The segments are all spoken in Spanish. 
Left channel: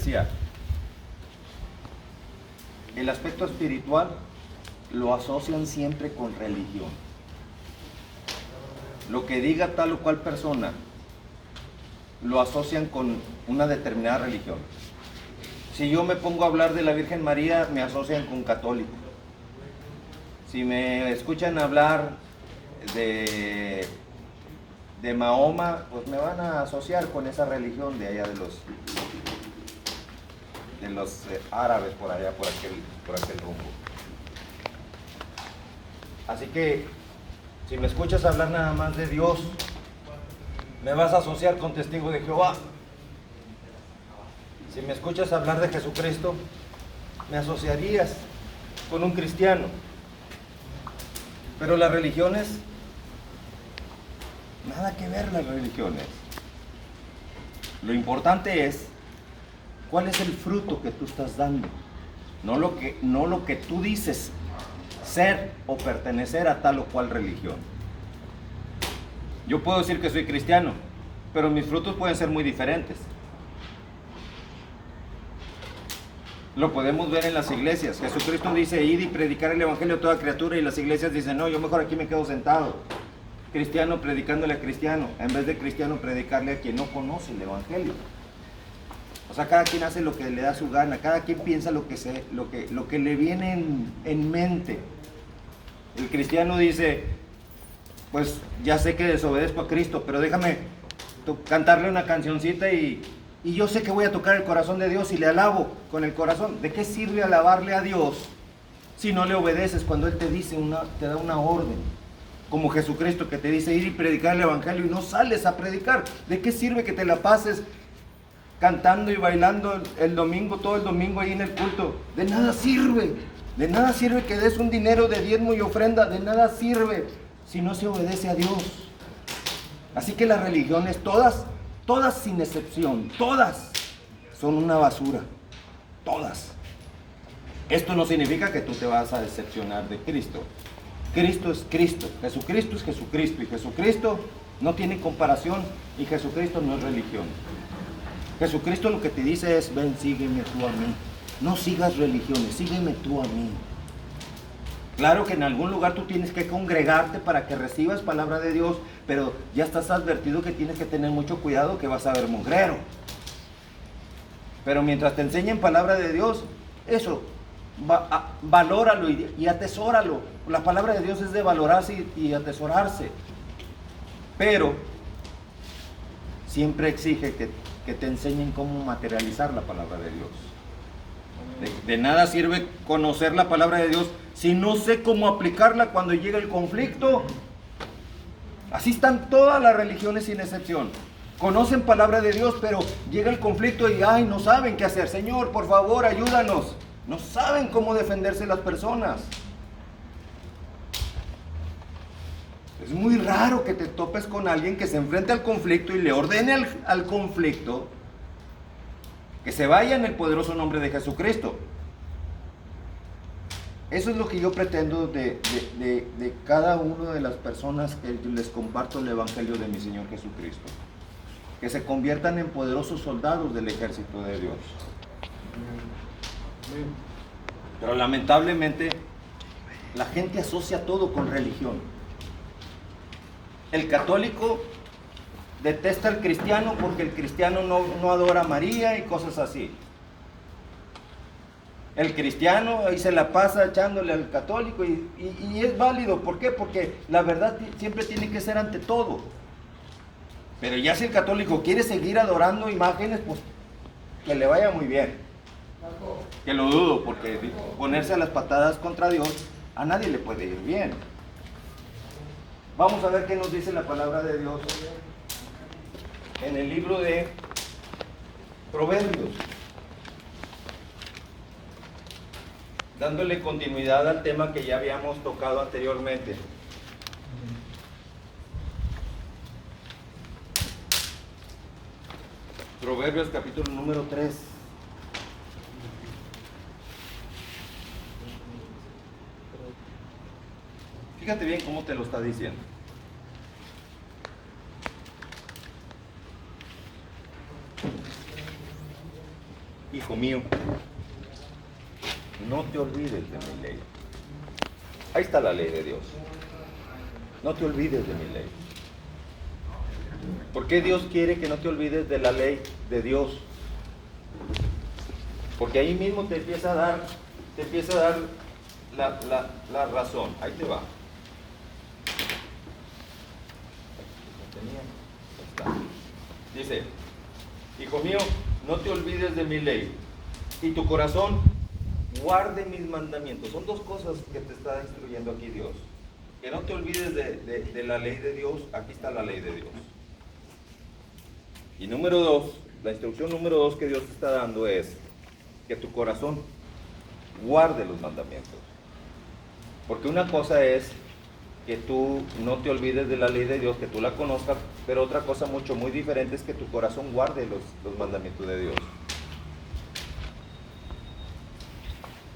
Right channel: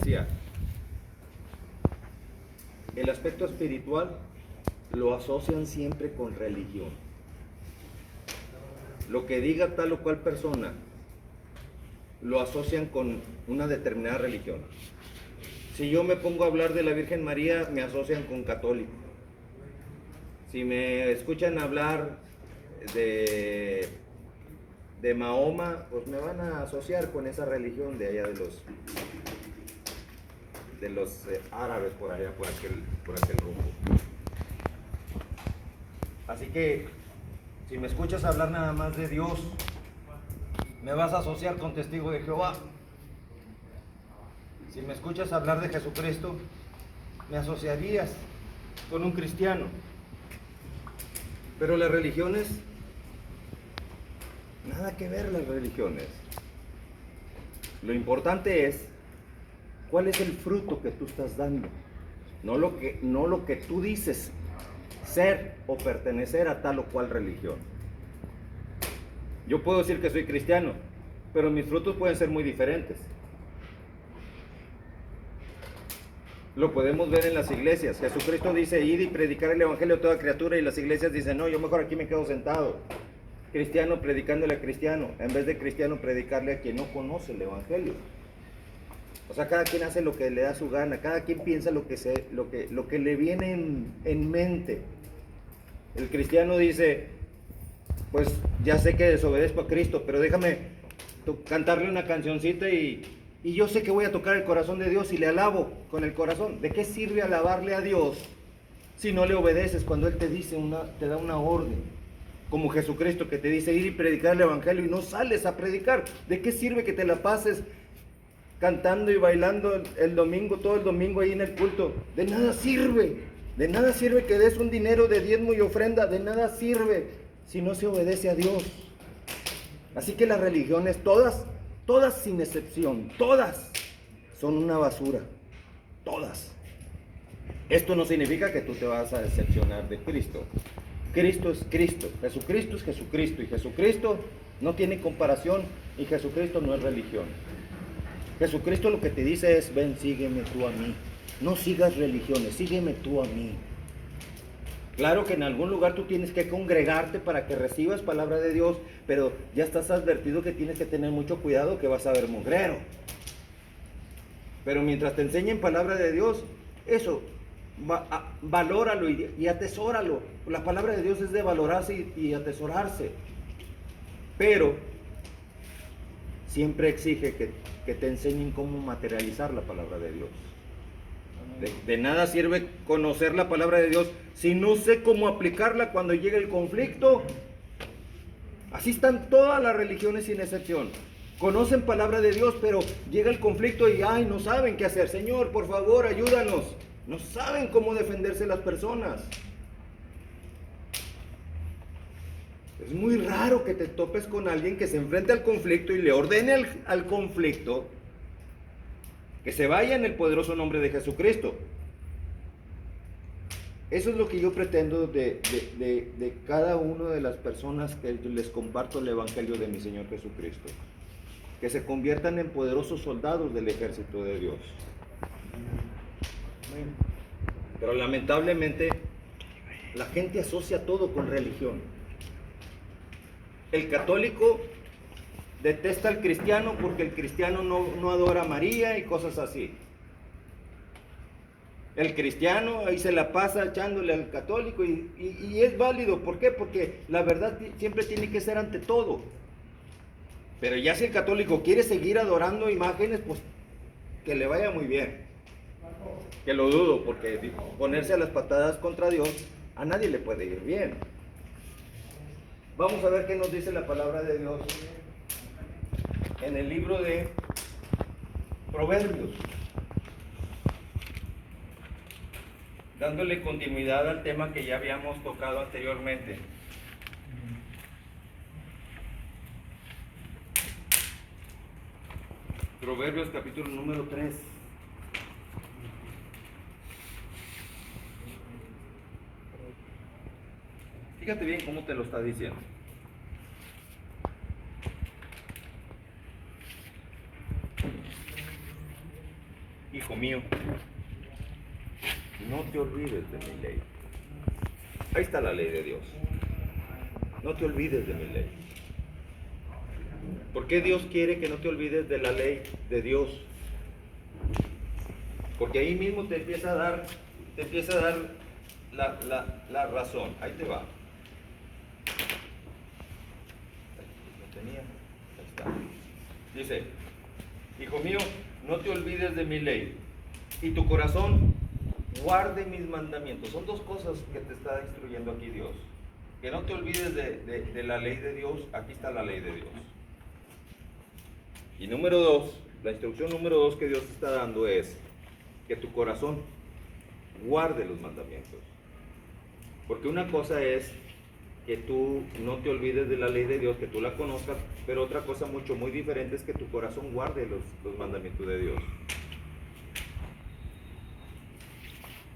decía, el aspecto espiritual lo asocian siempre con religión. Lo que diga tal o cual persona lo asocian con una determinada religión. Si yo me pongo a hablar de la Virgen María, me asocian con católico. Si me escuchan hablar de Mahoma, pues me van a asociar con esa religión de allá de los árabes por allá, por aquel rumbo. Así que, si me escuchas hablar nada más de Dios, me vas a asociar con testigo de Jehová. Si me escuchas hablar de Jesucristo, me asociarías con un cristiano. Pero las religiones, nada que ver las religiones. Lo importante es cuál es el fruto que tú estás dando, no lo que tú dices ser o pertenecer a tal o cual religión. Yo puedo decir que soy cristiano, pero mis frutos pueden ser muy diferentes. Lo podemos ver en las iglesias. Jesucristo dice, id y predicar el evangelio a toda criatura, y las iglesias dicen, no, yo mejor aquí me quedo sentado. Cristiano predicándole a cristiano, en vez de cristiano predicarle a quien no conoce el evangelio. O sea, cada quien hace lo que le da su gana, cada quien piensa lo que le viene en mente. El cristiano dice, pues ya sé que desobedezco a Cristo, pero déjame cantarle una cancioncita y yo sé que voy a tocar el corazón de Dios y le alabo con el corazón. ¿De qué sirve alabarle a Dios si no le obedeces cuando Él te da una orden? Como Jesucristo que te dice ir y predicar el evangelio y no sales a predicar. ¿De qué sirve que te la pases cantando y bailando el domingo, todo el domingo ahí en el culto? De nada sirve. De nada sirve que des un dinero de diezmo y ofrenda. De nada sirve si no se obedece a Dios. Así que las religiones, todas sin excepción, todas son una basura. Todas. Esto no significa que tú te vas a decepcionar de Cristo. Cristo es Cristo, Jesucristo es Jesucristo, y Jesucristo no tiene comparación, y Jesucristo no es religión. Jesucristo lo que te dice es, ven, sígueme tú a mí. No sigas religiones, sígueme tú a mí. Claro que en algún lugar tú tienes que congregarte para que recibas palabra de Dios, pero ya estás advertido que tienes que tener mucho cuidado, que vas a ver mugrero. Pero mientras te enseñen palabra de Dios, eso, valóralo y atesóralo. La palabra de Dios es de valorarse y atesorarse. Pero siempre exige que te enseñen cómo materializar la palabra de Dios. De nada sirve conocer la palabra de Dios si no sé cómo aplicarla cuando llegue el conflicto. Así están todas las religiones sin excepción. Conocen palabra de Dios, pero llega el conflicto y no saben qué hacer. Señor, por favor, ayúdanos. No saben cómo defenderse las personas. Es muy raro que te topes con alguien que se enfrente al conflicto y le ordene al conflicto que se vaya en el poderoso nombre de Jesucristo. Eso es lo que yo pretendo de cada una de las personas que les comparto el evangelio de mi Señor Jesucristo. Que se conviertan en poderosos soldados del ejército de Dios. Pero lamentablemente la gente asocia todo con religión. El católico detesta al cristiano porque el cristiano no adora a María y cosas así. El cristiano ahí se la pasa echándole al católico y es válido. ¿Por qué? Porque la verdad siempre tiene que ser ante todo. Pero ya si el católico quiere seguir adorando imágenes, pues que le vaya muy bien. Que lo dudo, porque ponerse a las patadas contra Dios a nadie le puede ir bien. Vamos a ver qué nos dice la palabra de Dios en el libro de Proverbios, dándole continuidad al tema que ya habíamos tocado anteriormente. Proverbios capítulo número 3. Fíjate bien cómo te lo está diciendo. hijo mío, no te olvides de mi ley. Ahí está la ley de Dios. No te olvides de mi ley. ¿Por qué Dios quiere que no te olvides de la ley de Dios? Porque ahí mismo te empieza a dar la razón. Ahí te va. Ahí está. Dice, hijo mío, no te olvides de mi ley, y tu corazón guarde mis mandamientos. Son dos cosas que te está instruyendo aquí Dios. Que no te olvides de la ley de Dios. Aquí está la ley de Dios. Y número dos, la instrucción número dos que Dios te está dando es que tu corazón guarde los mandamientos. Porque una cosa es que tú no te olvides de la ley de Dios, que tú la conozcas, pero otra cosa muy diferente es que tu corazón guarde los mandamientos de Dios.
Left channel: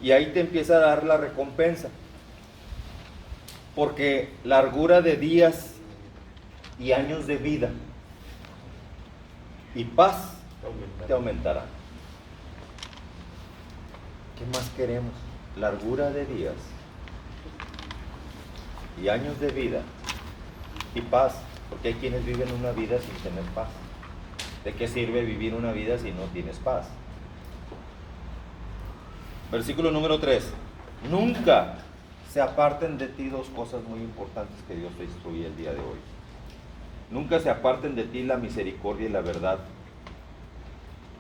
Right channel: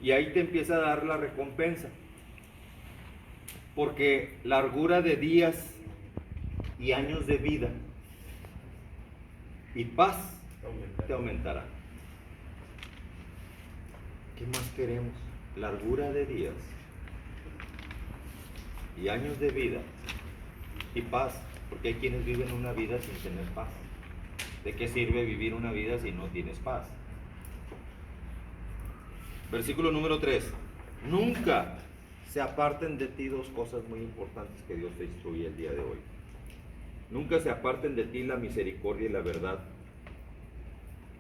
Y ahí te empieza a dar la recompensa. Porque largura de días y años de vida y paz te aumentará. ¿Qué más queremos? Largura de días y años de vida y paz, porque hay quienes viven una vida sin tener paz. ¿De qué sirve vivir una vida si no tienes paz? Versículo número 3. Nunca se aparten de ti dos cosas muy importantes que Dios te instruye el día de hoy. Nunca se aparten de ti la misericordia y la verdad.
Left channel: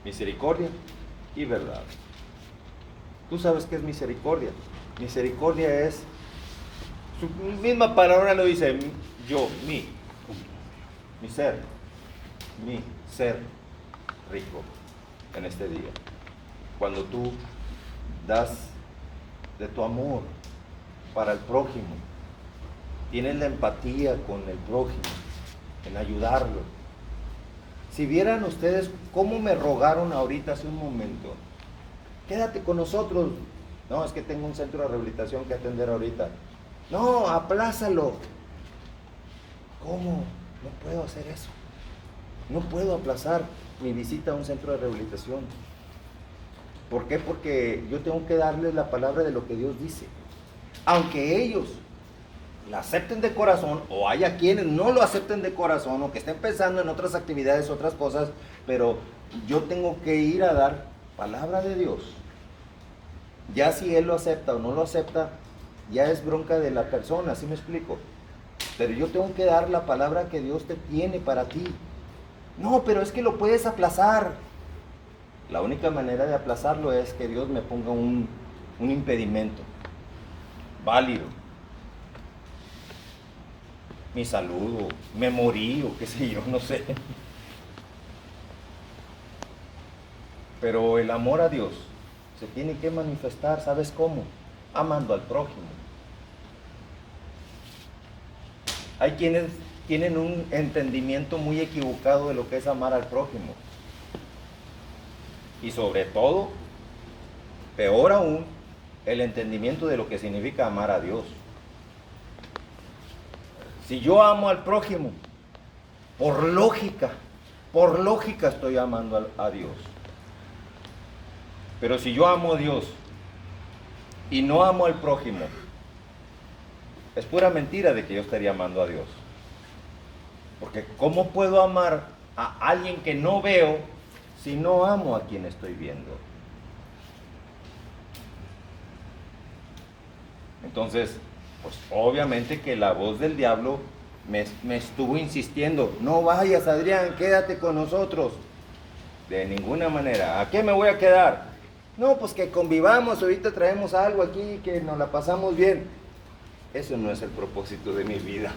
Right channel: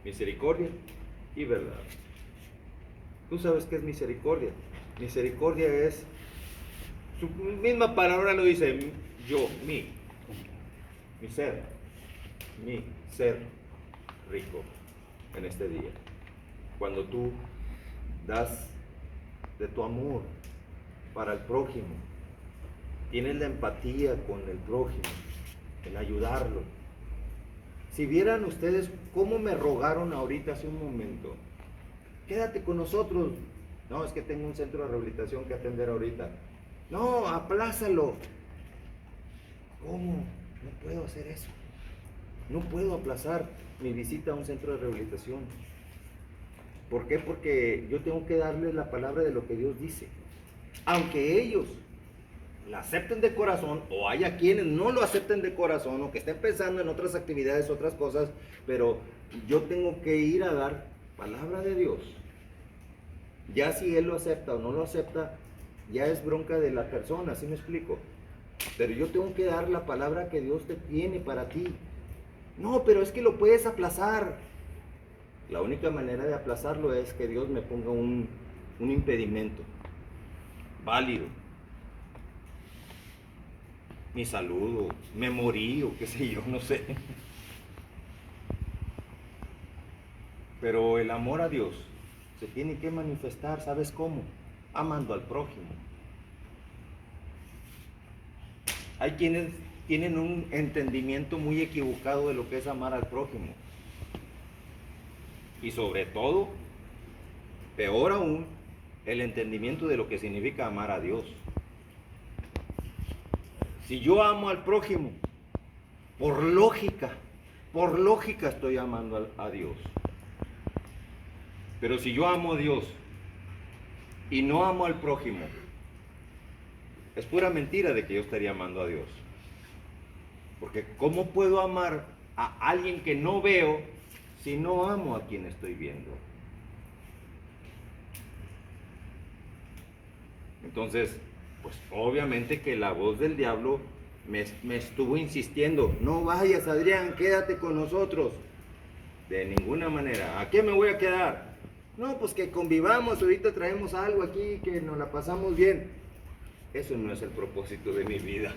Misericordia y verdad. Tú sabes qué es misericordia. Misericordia es, su misma palabra lo dice, yo, mi ser rico en este día. Cuando tú das de tu amor para el prójimo, tienes la empatía con el prójimo, en ayudarlo. Si vieran ustedes cómo me rogaron ahorita hace un momento, quédate con nosotros. No, es que tengo un centro de rehabilitación que atender ahorita. No, aplázalo. ¿Cómo? No puedo hacer eso. No puedo aplazar mi visita a un centro de rehabilitación. ¿Por qué? Porque yo tengo que darles la palabra de lo que Dios dice. Aunque ellos la acepten de corazón, o haya quienes no lo acepten de corazón, o que estén pensando en otras actividades, otras cosas, pero yo tengo que ir a dar palabra de Dios. Ya si él lo acepta o no lo acepta, ya es bronca de la persona, ¿así me explico? Pero yo tengo que dar la palabra que Dios te tiene para ti. No, pero es que lo puedes aplazar. La única manera de aplazarlo es que Dios me ponga un impedimento válido. Mi salud, o me morí, o qué sé yo, no sé. Pero el amor a Dios se tiene que manifestar, ¿sabes cómo? Amando al prójimo. Hay quienes tienen un entendimiento muy equivocado de lo que es amar al prójimo. Y sobre todo, peor aún, el entendimiento de lo que significa amar a Dios. Si yo amo al prójimo, por lógica estoy amando a Dios. Pero si yo amo a Dios y no amo al prójimo, es pura mentira de que yo estaría amando a Dios. Porque ¿cómo puedo amar a alguien que no veo si no amo a quien estoy viendo? Entonces, pues obviamente que la voz del diablo me estuvo insistiendo, no vayas Adrián, quédate con nosotros. De ninguna manera. ¿A qué me voy a quedar? No, pues que convivamos, ahorita traemos algo aquí, que nos la pasamos bien. Eso no es el propósito de mi vida.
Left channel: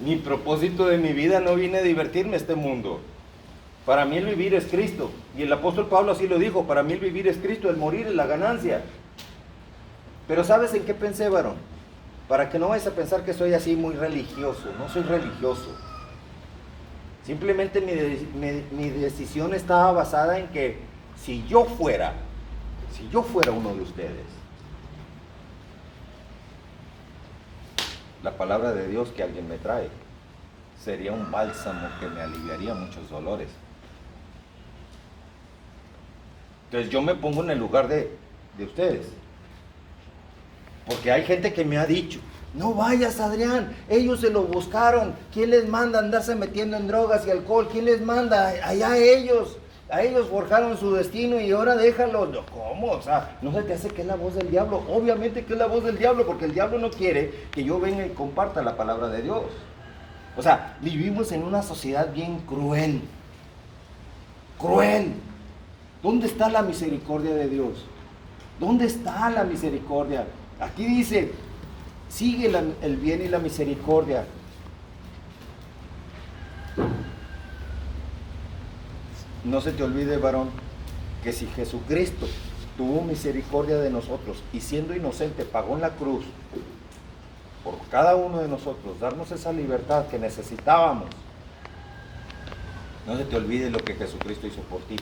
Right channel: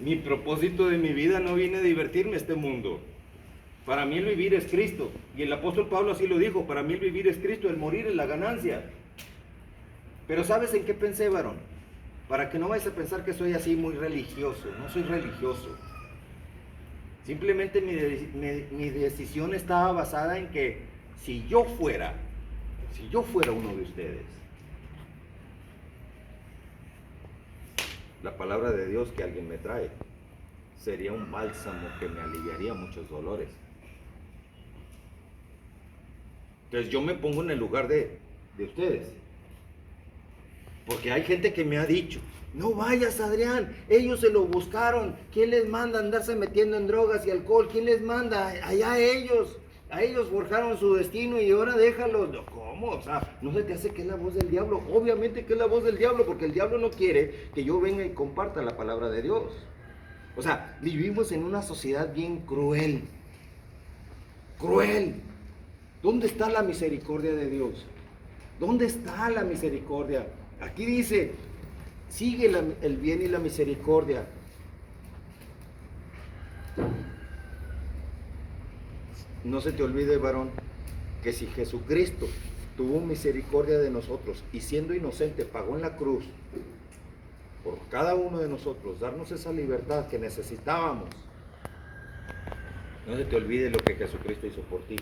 Mi propósito de mi vida no viene a divertirme este mundo. Para mí el vivir es Cristo. Y el apóstol Pablo así lo dijo, para mí el vivir es Cristo, el morir es la ganancia. Pero ¿sabes en qué pensé, varón? Para que no vayas a pensar que soy así muy religioso. No soy religioso. Simplemente mi decisión estaba basada en que si yo fuera uno de ustedes, la palabra de Dios que alguien me trae sería un bálsamo que me aliviaría muchos dolores. Entonces yo me pongo en el lugar de ustedes. Porque hay gente que me ha dicho, no vayas, Adrián, ellos se lo buscaron. ¿Quién les manda andarse metiendo en drogas y alcohol? ¿Quién les manda? Allá ellos. A ellos forjaron su destino y ahora déjalos. No, ¿cómo? O sea, ¿no se te hace que es la voz del diablo? Obviamente que es la voz del diablo, porque el diablo no quiere que yo venga y comparta la palabra de Dios. O sea, vivimos en una sociedad bien cruel. Cruel. ¿Dónde está la misericordia de Dios? ¿Dónde está la misericordia? Aquí dice, sigue el bien y la misericordia. No se te olvide, varón, que si Jesucristo tuvo misericordia de nosotros y siendo inocente pagó en la cruz por cada uno de nosotros, darnos esa libertad que necesitábamos, no se te olvide lo que Jesucristo hizo por ti.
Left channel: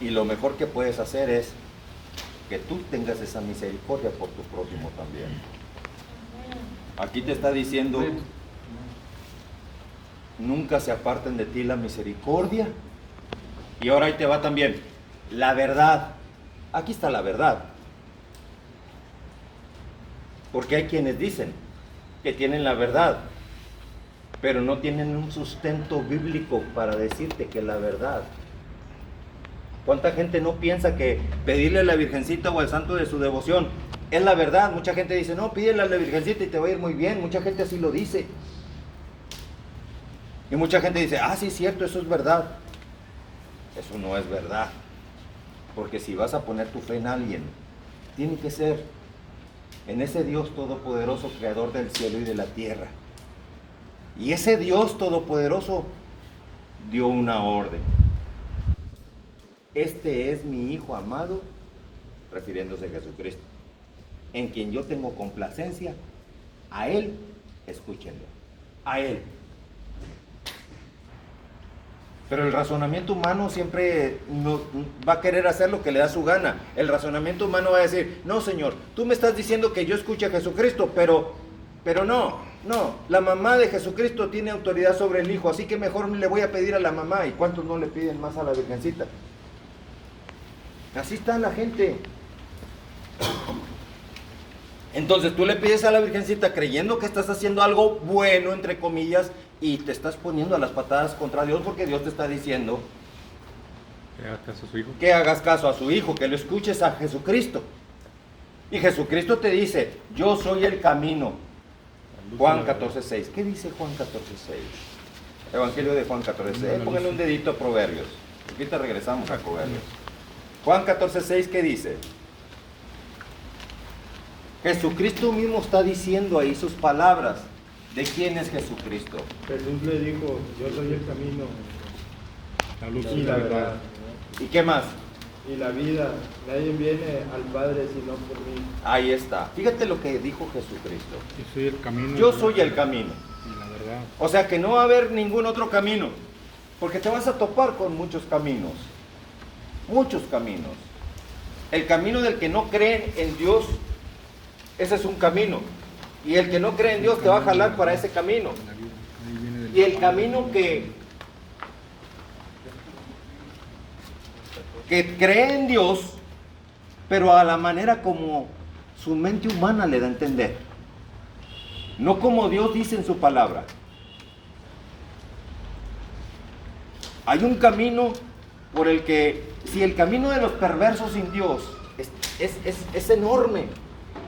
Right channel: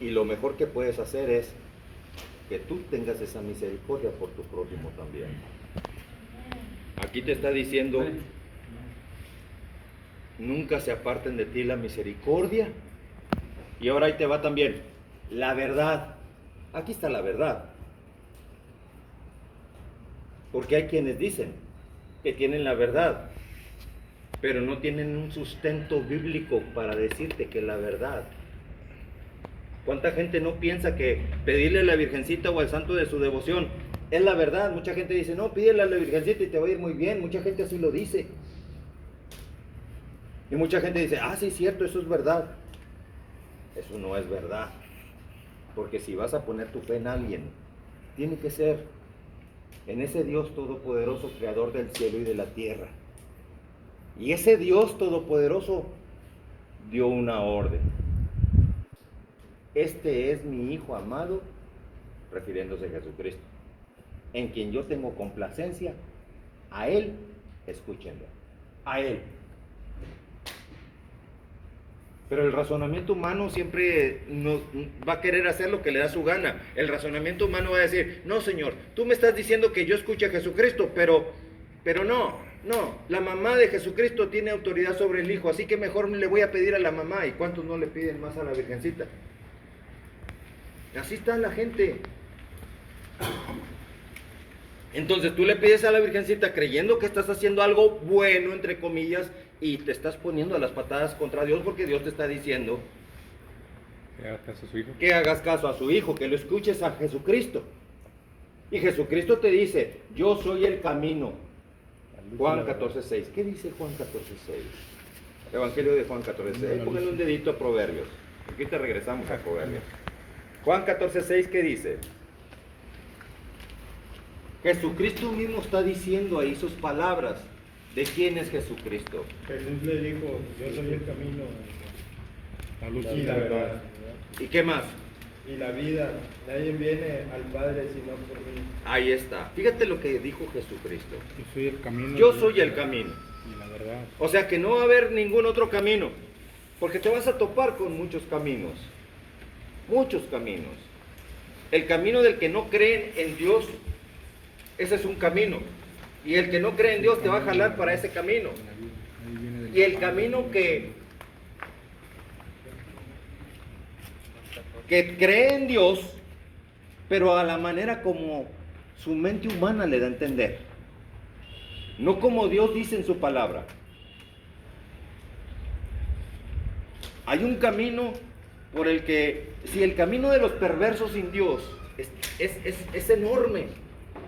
Y lo mejor que puedes hacer es que tú tengas esa misericordia por tu prójimo también. Aquí te está diciendo, nunca se aparten de ti la misericordia. Y ahora ahí te va también la verdad. Aquí está la verdad. Porque hay quienes dicen que tienen la verdad, pero no tienen un sustento bíblico para decirte que la verdad. ¿Cuánta gente no piensa que pedirle a la Virgencita o al santo de su devoción es la verdad? Mucha gente dice, no, pídele a la Virgencita y te va a ir muy bien. Mucha gente así lo dice. Y mucha gente dice, ah, sí, es cierto, eso es verdad. Eso no es verdad. Porque si vas a poner tu fe en alguien, tiene que ser en ese Dios todopoderoso, creador del cielo y de la tierra. Y ese Dios todopoderoso dio una orden. Este es mi Hijo amado, refiriéndose a Jesucristo, en quien yo tengo complacencia. A Él, escúchenlo, a Él. Pero el razonamiento humano siempre no, va a querer hacer lo que le da su gana. El razonamiento humano va a decir, no, Señor, tú me estás diciendo que yo escuche a Jesucristo, pero no, la mamá de Jesucristo tiene autoridad sobre el Hijo, así que mejor le voy a pedir a la mamá. ¿Y cuántos no le piden más a la Virgencita? Así está la gente. Entonces tú le pides a la Virgencita creyendo que estás haciendo algo bueno, entre comillas, y te estás poniendo a las patadas contra Dios, porque Dios te está diciendo que hagas caso a su Hijo. Que hagas caso a su Hijo, que lo escuches a Jesucristo. Y Jesucristo te dice, yo soy el camino. Juan 14:6. ¿Qué dice Juan 14:6? Evangelio de Juan 14:6. Pónganle un dedito a Proverbios. Aquí te regresamos a Proverbios. Juan 14:6, ¿qué dice? Jesucristo mismo está diciendo ahí sus palabras. ¿De quién es Jesucristo? Jesús le dijo, yo soy el camino, La luz y la verdad, ¿Y qué más? y la vida. Nadie viene al Padre sino por mí. Ahí está. Fíjate lo que dijo Jesucristo. Yo soy el camino. Yo soy el camino. Y la verdad. O sea que no va a haber ningún otro camino. Porque te vas a topar con muchos caminos. Muchos caminos. El camino del que no creen en Dios, ese es un camino. Y el que no cree en Dios te va a jalar para ese camino. Y el camino que cree en Dios, pero a la manera como su mente humana le da a entender. No como Dios dice en su palabra. Hay un camino por el que, si el camino de los perversos sin Dios es enorme,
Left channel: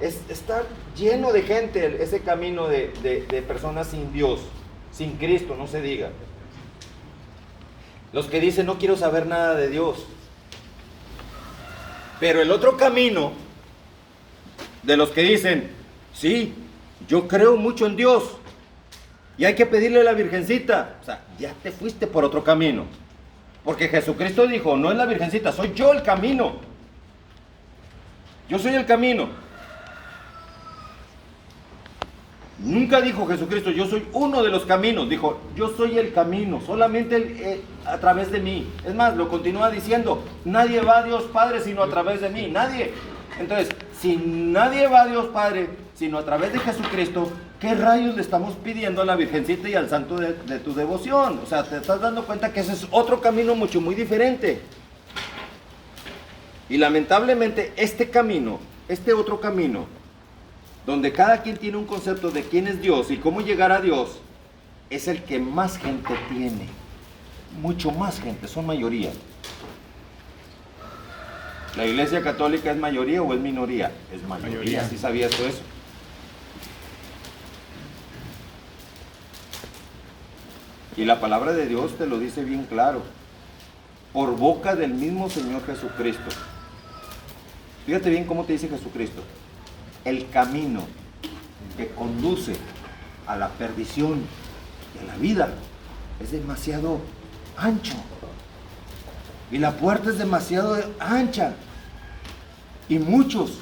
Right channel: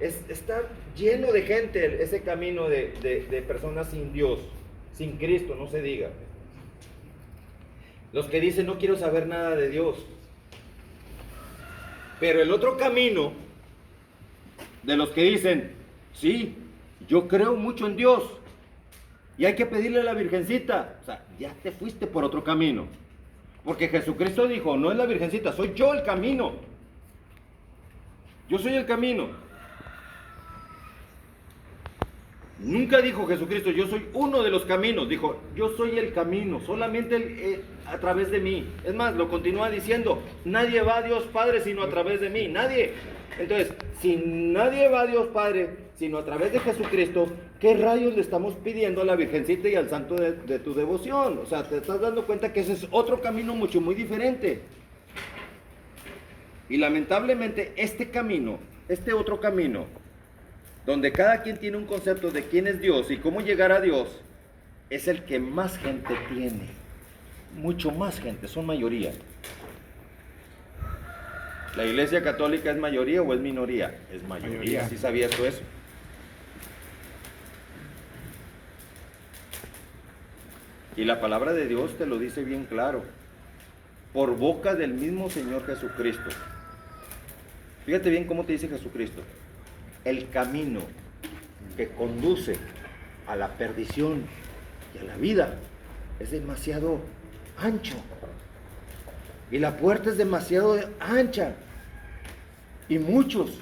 está lleno de gente, ese camino de personas sin Dios, sin Cristo, no se diga. Los que dicen, no quiero saber nada de Dios. Pero el otro camino, de los que dicen, sí, yo creo mucho en Dios, y hay que pedirle a la Virgencita. O sea, ya te fuiste por otro camino. Porque Jesucristo dijo, no es la Virgencita, soy yo el camino. Yo soy el camino. Nunca dijo Jesucristo, yo soy uno de los caminos. Dijo, yo soy el camino, solamente a través de mí. Es más, lo continúa diciendo, nadie va a Dios Padre sino a través de mí. Nadie. Entonces, si nadie va a Dios Padre sino a través de Jesucristo, ¿qué rayos le estamos pidiendo a la Virgencita y al santo de tu devoción? O sea, te estás dando cuenta que ese es otro camino muy diferente. Y lamentablemente este camino, este otro camino, donde cada quien tiene un concepto de quién es Dios y cómo llegar a Dios, es el que más gente tiene. Mucho más gente, son mayoría. ¿La Iglesia Católica es mayoría o es minoría? Es mayoría. ¿Sí sabías tú eso? Y la palabra de Dios te lo dice bien claro, por boca del mismo Señor Jesucristo. Fíjate bien cómo te dice Jesucristo: el camino que conduce a la perdición y a la vida es demasiado ancho, y la puerta es demasiado ancha, y muchos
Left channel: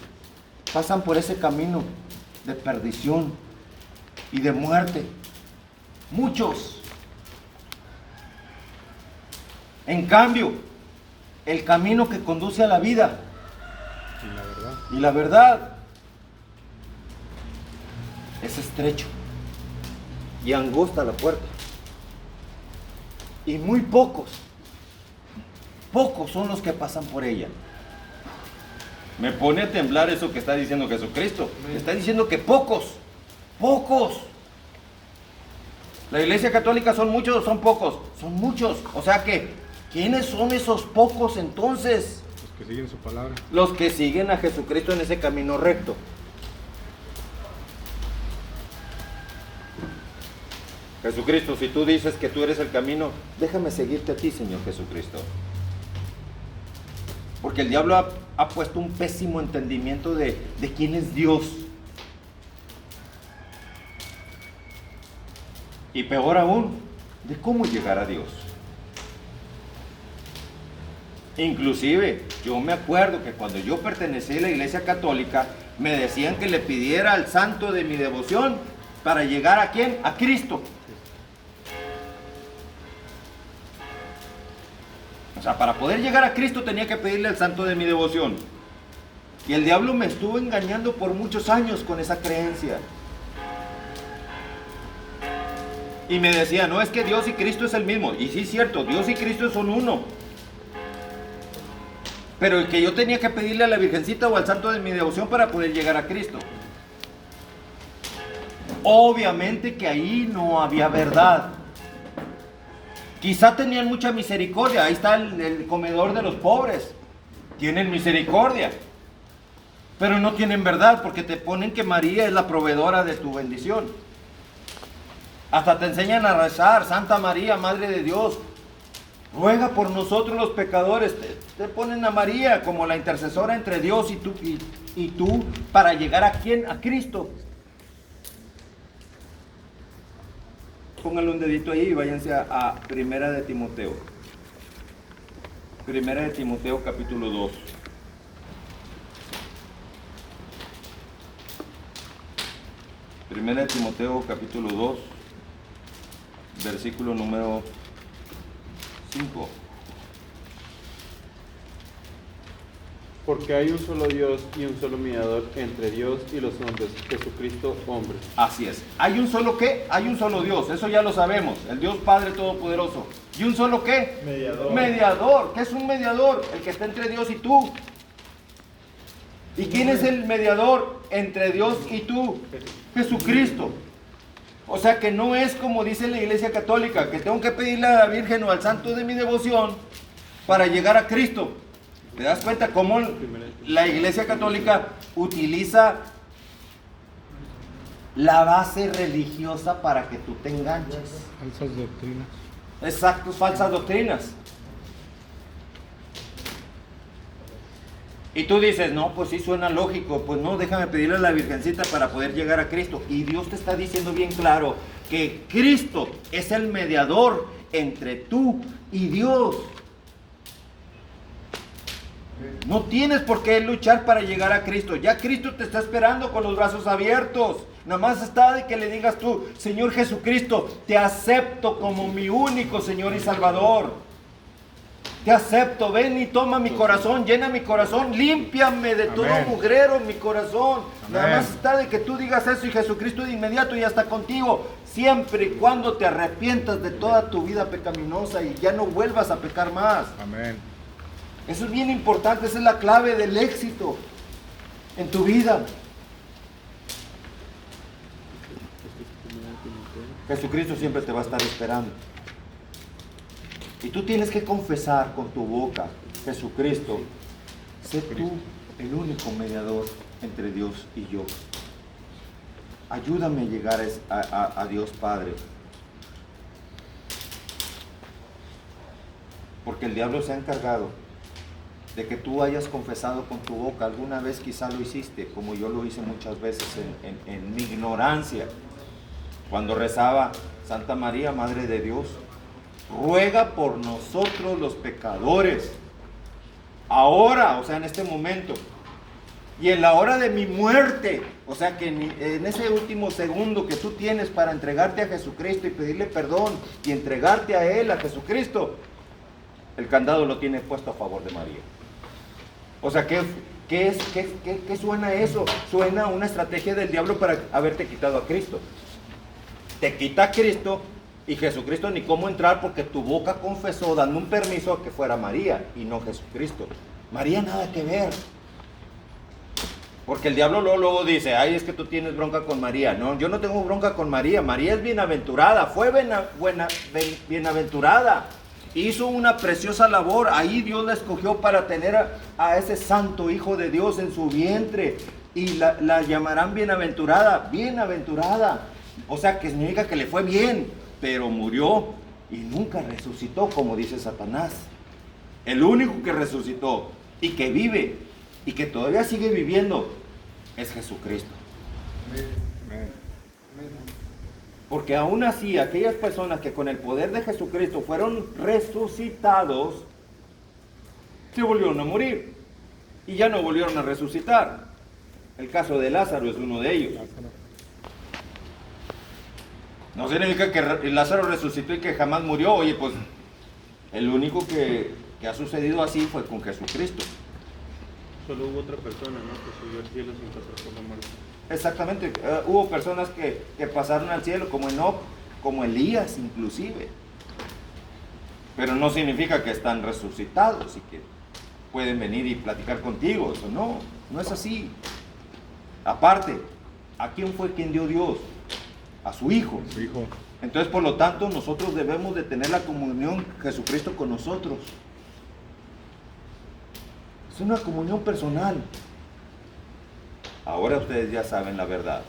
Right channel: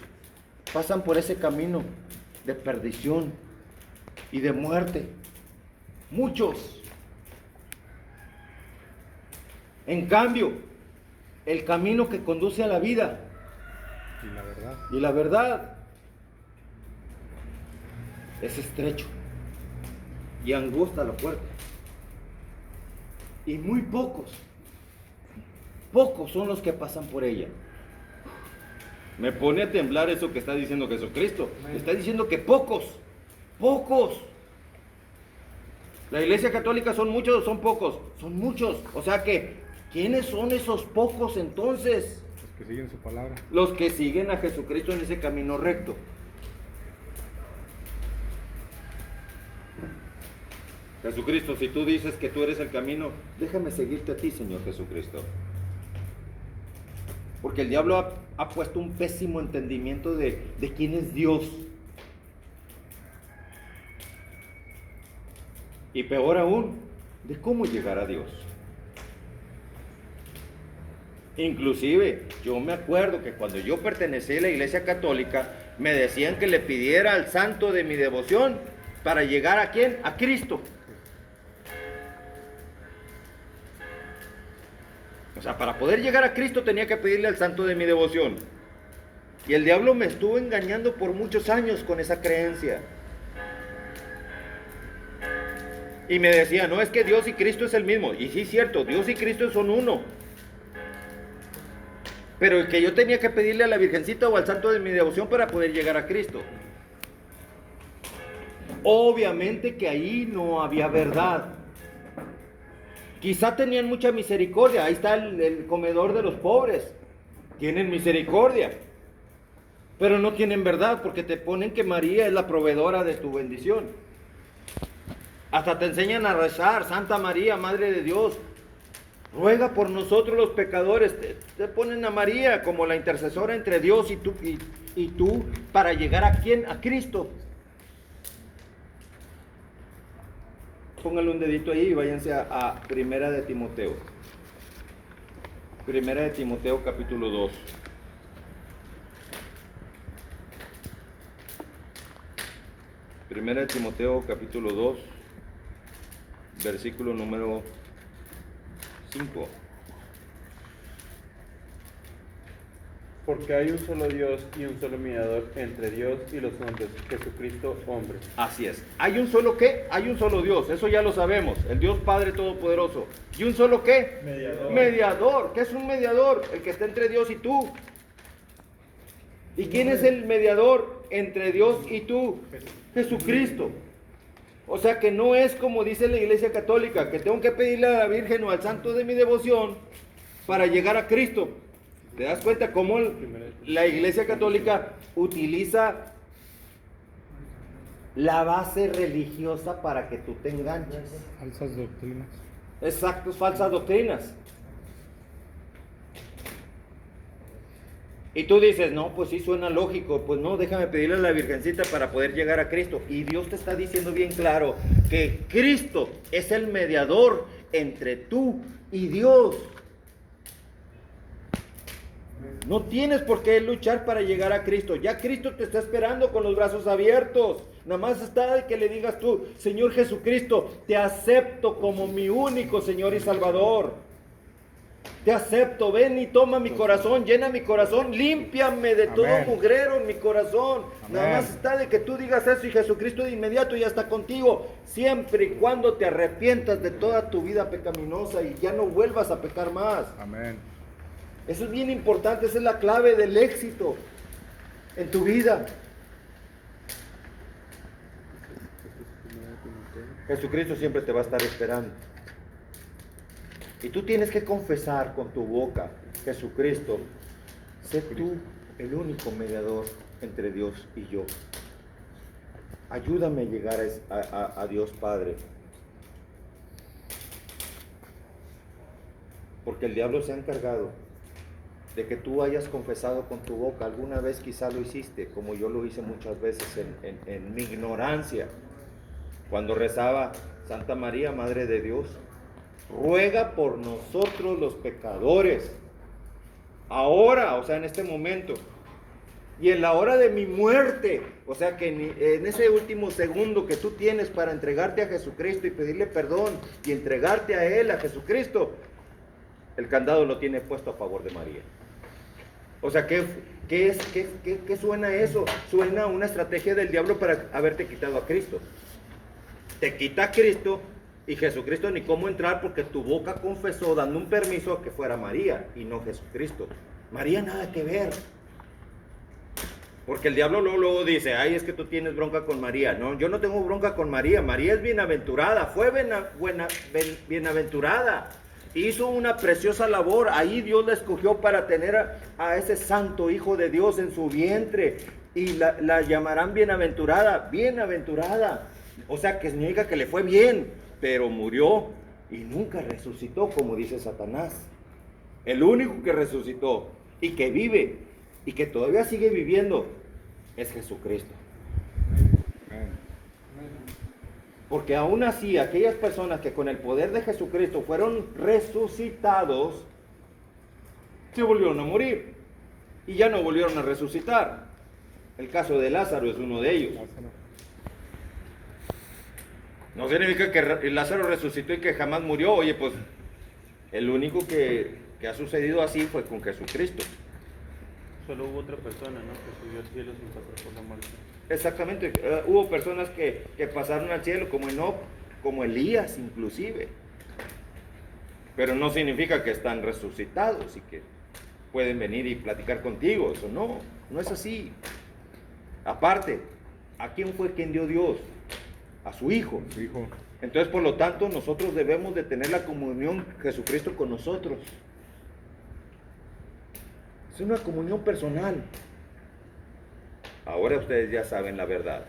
pasan por ese camino de perdición y de muerte. Muchos. En cambio, el camino que conduce a la vida y la verdad es estrecho y angosta la puerta, y muy pocos son los que pasan por ella. Me pone a temblar eso que está diciendo Jesucristo. Está diciendo que pocos. ¿La Iglesia Católica son muchos o son pocos? Son muchos. O sea que, ¿quiénes son esos pocos entonces? Los que siguen su palabra. Los que siguen a Jesucristo en ese camino recto. Jesucristo, si tú dices que tú eres el camino, déjame seguirte a ti, Señor Jesucristo. Porque el diablo ha puesto un pésimo entendimiento de quién es Dios. Y peor aún, de cómo llegar a Dios. Inclusive, yo me acuerdo que cuando yo pertenecí a la Iglesia Católica, me decían que le pidiera al santo de mi devoción para llegar ¿a quién? A Cristo. O sea, para poder llegar a Cristo tenía que pedirle al santo de mi devoción. Y el diablo me estuvo engañando por muchos años con esa creencia. Y me decía, no, es que Dios y Cristo es el mismo. Y sí es cierto, Dios y Cristo son uno. Pero el que yo tenía que pedirle a la Virgencita o al santo de mi devoción para poder llegar a Cristo. Obviamente que ahí no había verdad. Quizá tenían mucha misericordia. Ahí está el comedor de los pobres. Tienen misericordia. Pero no tienen verdad, porque te ponen que María es la proveedora de tu bendición. Hasta te enseñan a rezar: Santa María, Madre de Dios, ruega por nosotros los pecadores. Te ponen a María como la intercesora entre Dios y tú para llegar ¿a quién? A Cristo. Pónganle un dedito ahí y váyanse a Primera de Timoteo. Primera de Timoteo capítulo 2. Primera de Timoteo capítulo 2, versículo número 5. Porque hay un solo Dios y un solo mediador entre Dios y los hombres, Jesucristo hombre. Así es. ¿Hay un solo qué? Hay un solo Dios, eso ya lo sabemos, el Dios Padre Todopoderoso. ¿Y un solo qué? Mediador. Mediador. ¿Qué es un mediador? El que está entre Dios y tú. ¿Y quién es el mediador entre Dios y tú? Jesucristo. O sea que no es como dice la Iglesia Católica, que tengo que pedirle a la Virgen o al santo de mi devoción para llegar a Cristo. ¿Te das cuenta cómo la Iglesia Católica utiliza la base religiosa para que tú te enganches? Falsas doctrinas. Exacto, falsas doctrinas. Y tú dices, no, pues sí suena lógico, pues no, déjame pedirle a la Virgencita para poder llegar a Cristo. Y Dios te está diciendo bien claro que Cristo es el mediador entre tú y Dios. No tienes por qué luchar para llegar a Cristo. Ya Cristo te está esperando con los brazos abiertos. Nada más está de que le digas tú: Señor Jesucristo, te acepto como mi único Señor y Salvador. Te acepto, ven y toma mi corazón, llena mi corazón, límpiame de todo mugrero en mi corazón. Nada más está de que tú digas eso y Jesucristo de inmediato ya está contigo. Siempre y cuando te arrepientas de toda tu vida pecaminosa y ya no vuelvas a pecar más. Amén. Eso es bien importante, esa es la clave del éxito en tu vida. Jesucristo siempre te va a estar esperando. Y tú tienes que confesar con tu boca, Jesucristo, sé tú el único mediador entre Dios y yo. Ayúdame a llegar a Dios Padre. Porque el diablo se ha encargado de que tú hayas confesado con tu boca. Alguna vez quizá lo hiciste, como yo lo hice muchas veces en mi ignorancia. Cuando rezaba, Santa María, Madre de Dios, ruega por nosotros los pecadores, ahora, o sea, en este momento, y en la hora de mi muerte, o sea, que en ese último segundo que tú tienes para entregarte a Jesucristo y pedirle perdón y entregarte a Él, a Jesucristo, el candado lo tiene puesto a favor de María. O sea, ¿qué suena eso? Suena una estrategia del diablo para haberte quitado a Cristo. Te quita a Cristo y Jesucristo ni cómo entrar porque tu boca confesó dando un permiso a que fuera María y no Jesucristo. María nada que ver. Porque el diablo luego dice, ay, es que tú tienes bronca con María. No, yo no tengo bronca con María. María es bienaventurada, fue bienaventurada. Hizo una preciosa labor. Ahí Dios la escogió para tener a ese santo Hijo de Dios en su vientre. Y la llamarán bienaventurada, bienaventurada. O sea, que significa que le fue bien, pero murió y nunca resucitó, como dice Satanás. El único que resucitó y que vive y que todavía sigue viviendo es Jesucristo. Porque aún así, aquellas personas que con el poder de Jesucristo fueron resucitados, se volvieron a morir y ya no volvieron a resucitar. El caso de Lázaro es uno de ellos. No significa que Lázaro resucitó y que jamás murió. Oye, pues el único que ha sucedido así fue con Jesucristo. Solo hubo otra persona, ¿no?, que subió al cielo sin pasar por la muerte. Exactamente, hubo personas que pasaron al cielo, como Enoc, como Elías inclusive. Pero no significa que están resucitados y que pueden venir y platicar contigo. Eso no es así. Aparte, ¿a quién fue quien dio Dios? A su Hijo. Su Hijo. Entonces, por lo tanto, nosotros debemos de tener la comunión Jesucristo con nosotros. Es una comunión personal. Ahora ustedes ya saben la verdad.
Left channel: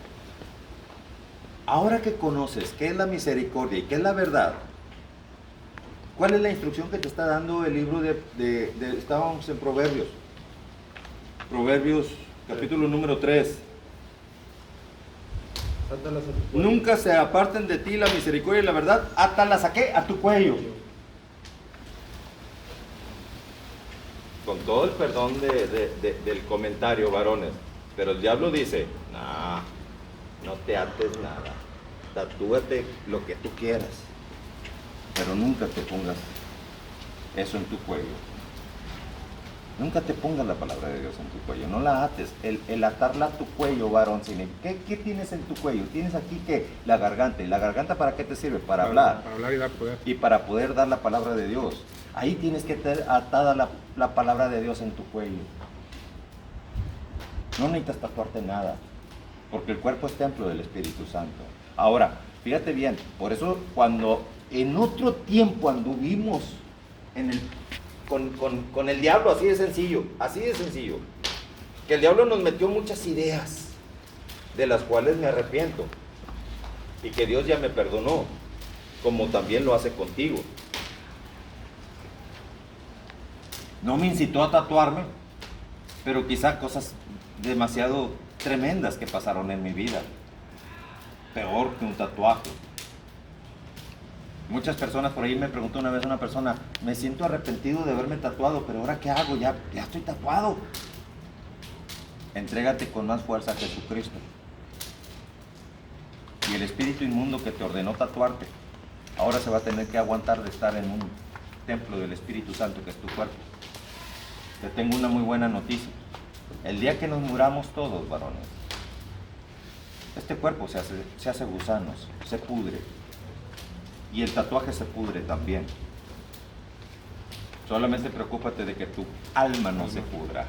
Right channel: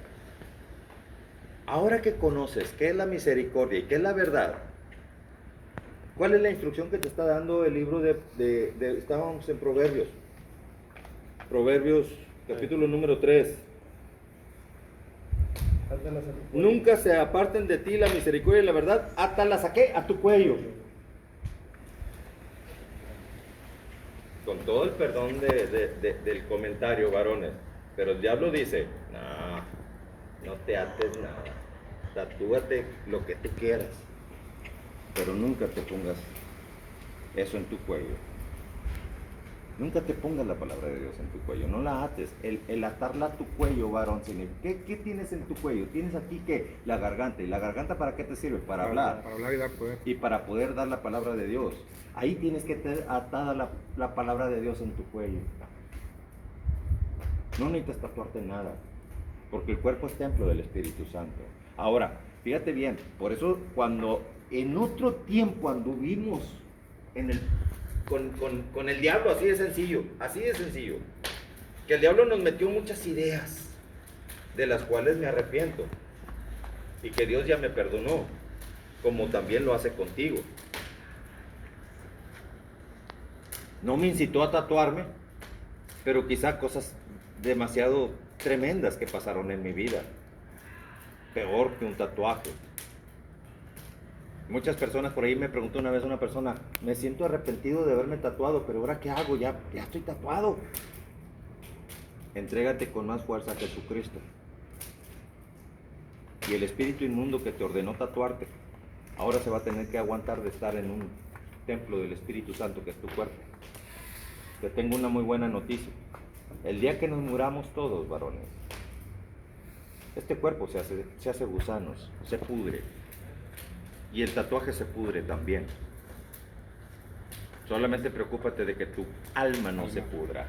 Ahora que conoces qué es la misericordia y qué es la verdad, ¿cuál es la instrucción que te está dando el libro estábamos en Proverbios? Cuerpos, capítulo número 3. Átalas a tu cuello. Nunca se aparten de ti la misericordia y la verdad, átalas ¿a qué? A tu cuello. Con todo el perdón del comentario, varones, pero el diablo dice, no te ates nada, tatúate lo que tú quieras, pero nunca te pongas eso en tu cuello. Nunca te pongas la palabra de Dios en tu cuello, no la ates. El atarla a tu cuello, varón, ¿qué tienes en tu cuello? Tienes aquí ¿qué? La garganta. ¿Y la garganta para qué te sirve? Para hablar. Para hablar y dar poder. Y para poder dar la palabra de Dios. Ahí tienes que tener atada la palabra de Dios en tu cuello. No necesitas tatuarte nada, porque el cuerpo es templo del Espíritu Santo. Ahora, fíjate bien, por eso cuando en otro tiempo anduvimos con el diablo, así de sencillo, que el diablo nos metió muchas ideas, de las cuales me arrepiento, y que Dios ya me perdonó, como también lo hace contigo. No me incitó a tatuarme, pero quizá cosas demasiado tremendas que pasaron en mi vida, peor que un tatuaje. Muchas personas por ahí me preguntó una vez una persona, me siento arrepentido de haberme tatuado, pero ahora ¿qué hago? Ya estoy tatuado. Entrégate con más fuerza a Jesucristo. Y el espíritu inmundo que te ordenó tatuarte, ahora se va a tener que aguantar de estar en un templo del Espíritu Santo que es tu cuerpo. Te tengo una muy buena noticia. El día que nos muramos todos, varones, este cuerpo se hace gusanos, se pudre. Y el tatuaje se pudre también. Solamente preocúpate de que tu alma no se pudra.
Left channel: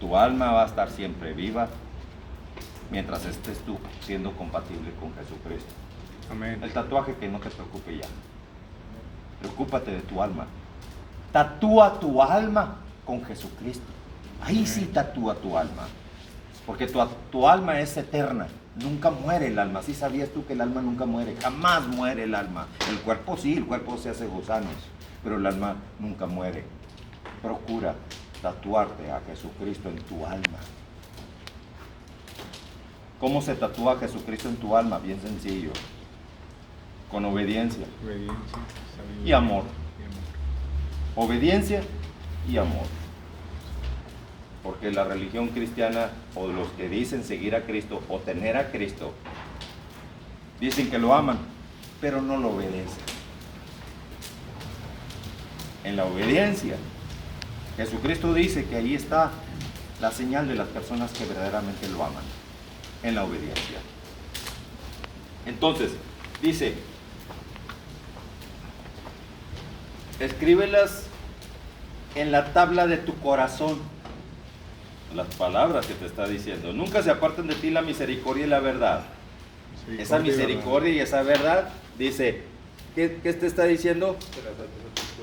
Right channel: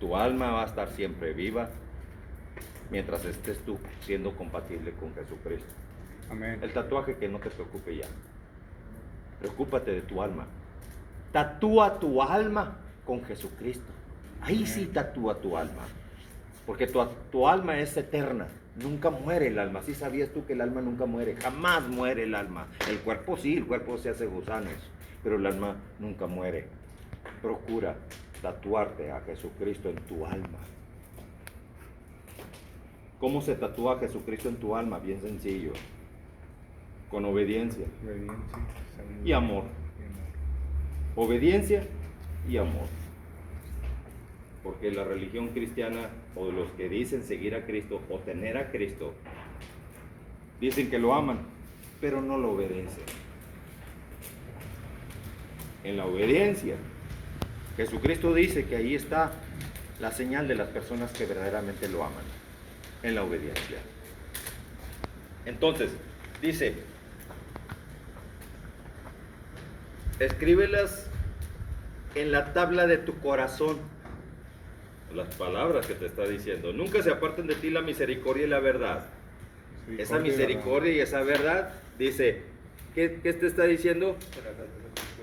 Tu alma va a estar siempre viva mientras estés tú siendo compatible con Jesucristo. Amén. El tatuaje, que no te preocupe ya. Preocúpate de tu alma. Tatúa tu alma con Jesucristo. Ahí sí tatúa tu alma. Porque tu alma es eterna. Nunca muere el alma. ¿Sí sabías tú que el alma nunca muere? Jamás muere el alma. El cuerpo sí, el cuerpo se hace gusanos. Pero el alma nunca muere. Procura tatuarte a Jesucristo en tu alma. ¿Cómo se tatúa a Jesucristo en tu alma? Bien sencillo. Con obediencia Obediencia, sabiduría y amor. y amor. Obediencia y amor. Porque la religión cristiana, o los que dicen seguir a Cristo o tener a Cristo, dicen que lo aman, pero no lo obedecen. En la obediencia, Jesucristo dice que ahí está la señal de las personas que verdaderamente lo aman. En la obediencia. Entonces, dice, escríbelas en la tabla de tu corazón. Las palabras que te está diciendo. Nunca se aparten de ti la misericordia y la verdad. Esa misericordia y esa verdad, dice, ¿qué te está diciendo?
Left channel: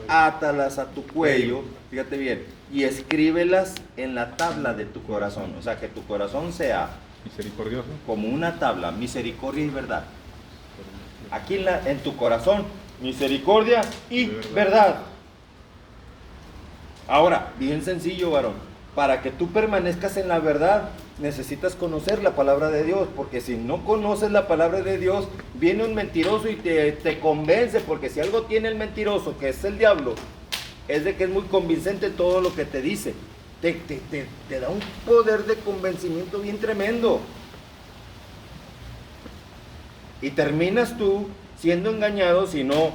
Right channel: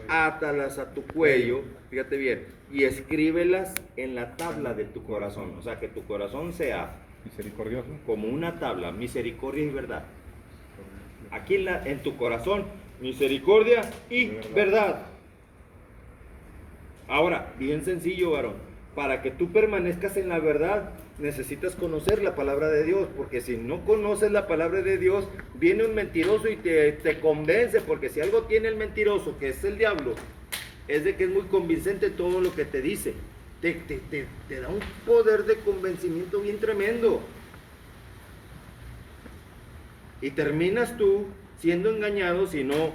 Átalas a tu cuello, fíjate bien, y escríbelas en la tabla de tu corazón. O sea, que tu corazón sea Misericordioso. como una tabla, misericordia y verdad. Aquí en tu corazón, misericordia y verdad. Ahora, bien sencillo, varón. Para que tú permanezcas en la verdad, necesitas conocer la palabra de Dios, porque si no conoces la palabra de Dios, viene un mentiroso y te convence, porque si algo tiene el mentiroso, que es el diablo, es de que es muy convincente todo lo que te dice. Te da un poder de convencimiento bien tremendo. Y terminas tú siendo engañado si no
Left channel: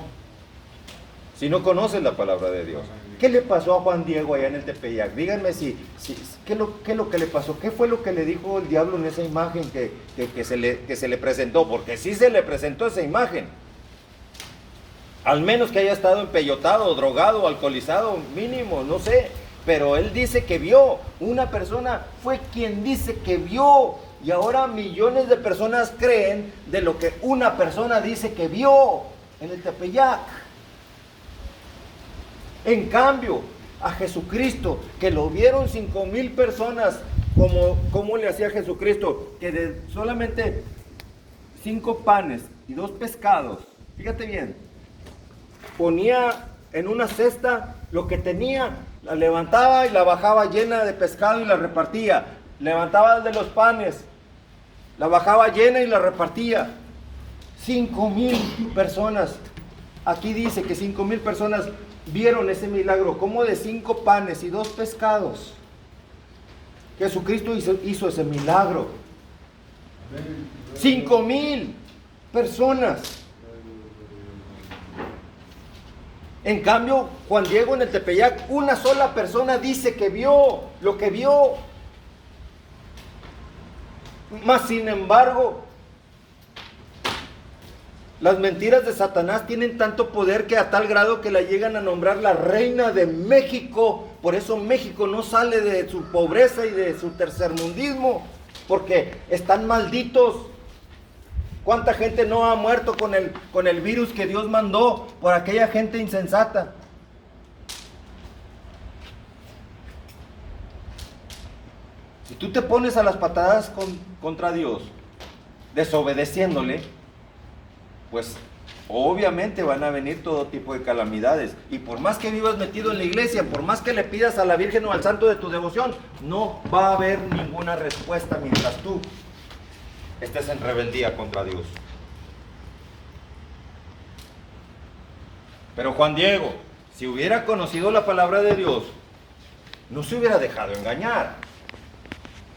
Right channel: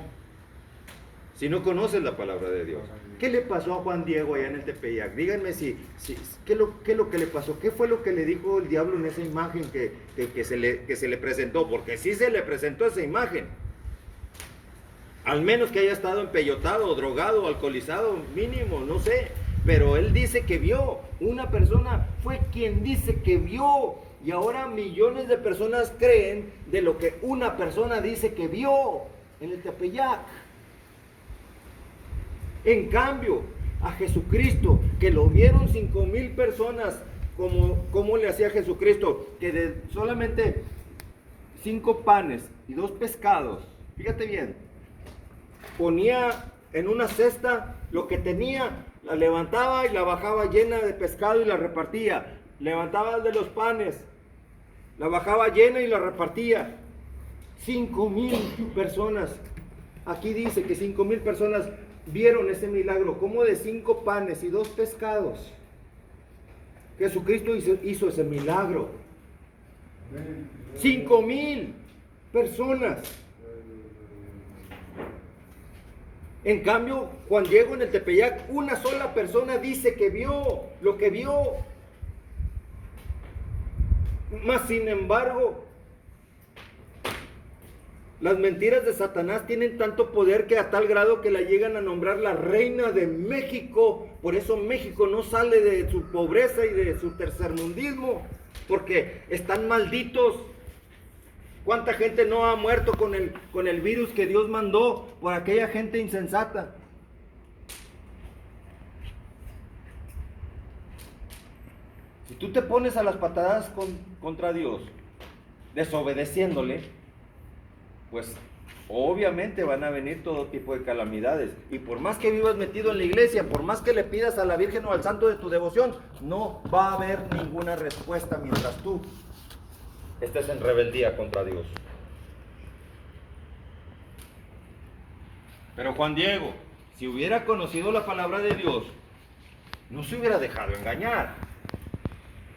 conoces la palabra de Dios. ¿Qué le pasó a Juan Diego allá en el Tepeyac? Díganme ¿qué es lo que le pasó? ¿Qué fue lo que le dijo el diablo en esa imagen que se le presentó? Porque sí se le presentó esa imagen. Al menos que haya estado empeyotado, drogado, alcoholizado, mínimo, no sé. Pero él dice que vio. Una persona fue quien dice que vio. Y ahora millones de personas creen de lo que una persona dice que vio en el Tepeyac. En cambio, a Jesucristo, que lo vieron 5,000 personas, como le hacía Jesucristo, que de solamente 5 panes y 2 pescados, fíjate bien, ponía en una cesta lo que tenía, la levantaba y la bajaba llena de pescado y la repartía. Levantaba de los panes, la bajaba llena y la repartía. 5,000 personas. Aquí dice que 5,000 personas vieron ese milagro, como de 5 panes y 2 pescados. Jesucristo hizo ese milagro. 5,000 personas. En cambio, Juan Diego en el Tepeyac, una sola persona dice que vio lo que vio. Mas sin embargo, las mentiras de Satanás tienen tanto poder que a tal grado que la llegan a nombrar la reina de México. Por eso México no sale de su pobreza y de su tercermundismo, porque están malditos. ¿Cuánta gente no ha muerto con el virus que Dios mandó por aquella gente insensata? Si tú te pones a las patadas contra Dios, desobedeciéndole, pues obviamente van a venir todo tipo de calamidades. Y por más que vivas metido en la iglesia, por más que le pidas a la Virgen o al santo de tu devoción, no va a haber ninguna respuesta mientras tú estés en rebeldía contra Dios. Pero Juan Diego, si hubiera conocido la palabra de Dios, no se hubiera dejado engañar.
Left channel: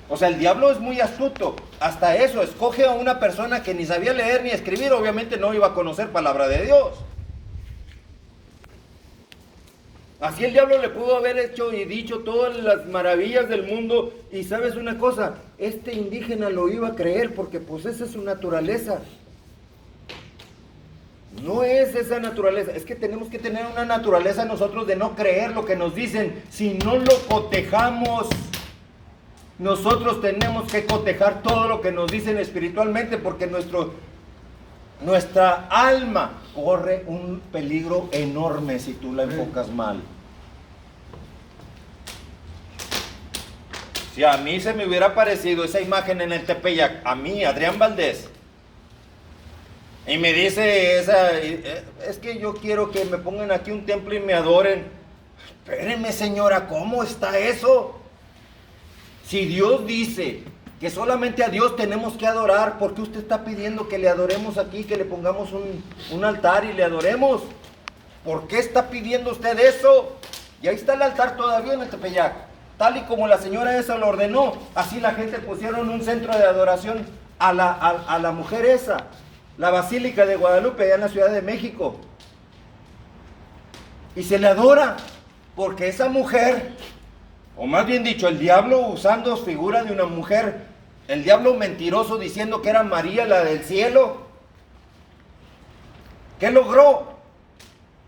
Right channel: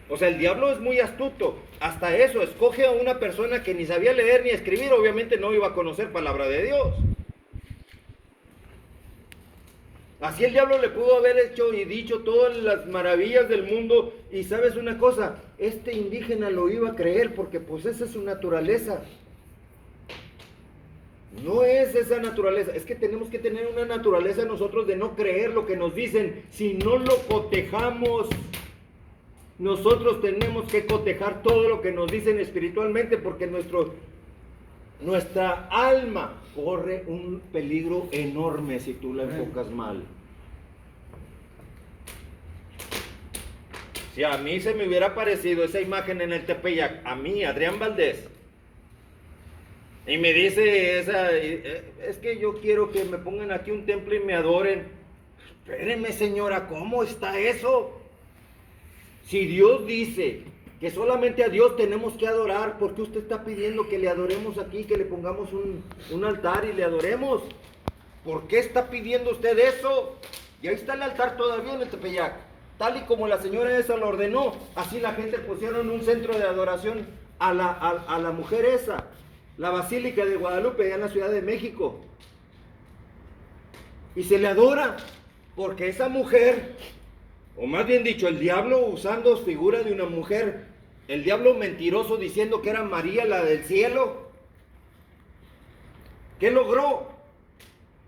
O sea, el diablo es muy astuto. Hasta eso, escoge a una persona que ni sabía leer ni escribir, obviamente no iba a conocer palabra de Dios. Así el diablo le pudo haber hecho y dicho todas las maravillas del mundo. Y sabes una cosa, este indígena lo iba a creer porque pues esa es su naturaleza. No es esa naturaleza, es que tenemos que tener una naturaleza nosotros de no creer lo que nos dicen. Si no lo cotejamos, nosotros tenemos que cotejar todo lo que nos dicen espiritualmente, porque nuestra alma corre un peligro enorme si tú la enfocas mal. Si a mí se me hubiera aparecido esa imagen en el Tepeyac, a mí, Adrián Valdés, y me dice es que yo quiero que me pongan aquí un templo y me adoren. Espérenme, señora, ¿cómo está eso? Si Dios dice que solamente a Dios tenemos que adorar, ¿por qué usted está pidiendo que le adoremos aquí, que le pongamos un altar y le adoremos? ¿Por qué está pidiendo usted eso? Y ahí está el altar todavía en el Tepeyac, tal y como la señora esa lo ordenó. Así la gente pusieron un centro de adoración a la mujer esa, la Basílica de Guadalupe, allá en la Ciudad de México. Y se le adora, porque esa mujer, o más bien dicho, el diablo usando figura de una mujer, el diablo mentiroso diciendo que era María la del cielo, ¿qué logró?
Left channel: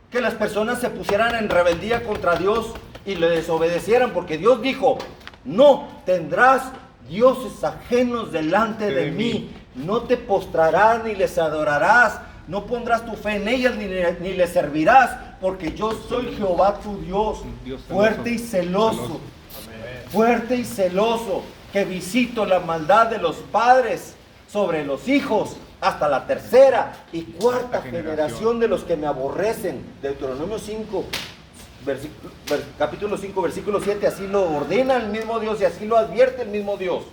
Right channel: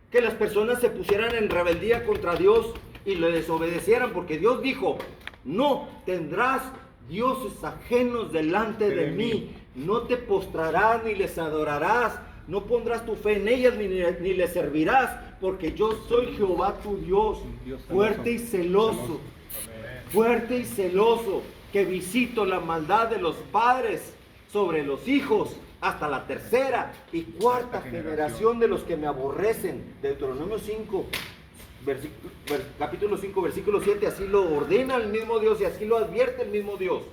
Que las personas se pusieran en rebeldía contra Dios y le desobedecieran, porque Dios dijo: no tendrás dioses ajenos delante de mí, no te postrarás ni les adorarás, no pondrás tu fe en ellas ni les servirás, porque yo soy Jehová tu Dios, fuerte y celoso, fuerte y celoso, que visito la maldad de los padres sobre los hijos hasta la tercera y cuarta generación de los que me aborrecen. Deuteronomio 5, capítulo 5, versículo 7, así lo ordena el mismo Dios y así lo advierte el mismo Dios.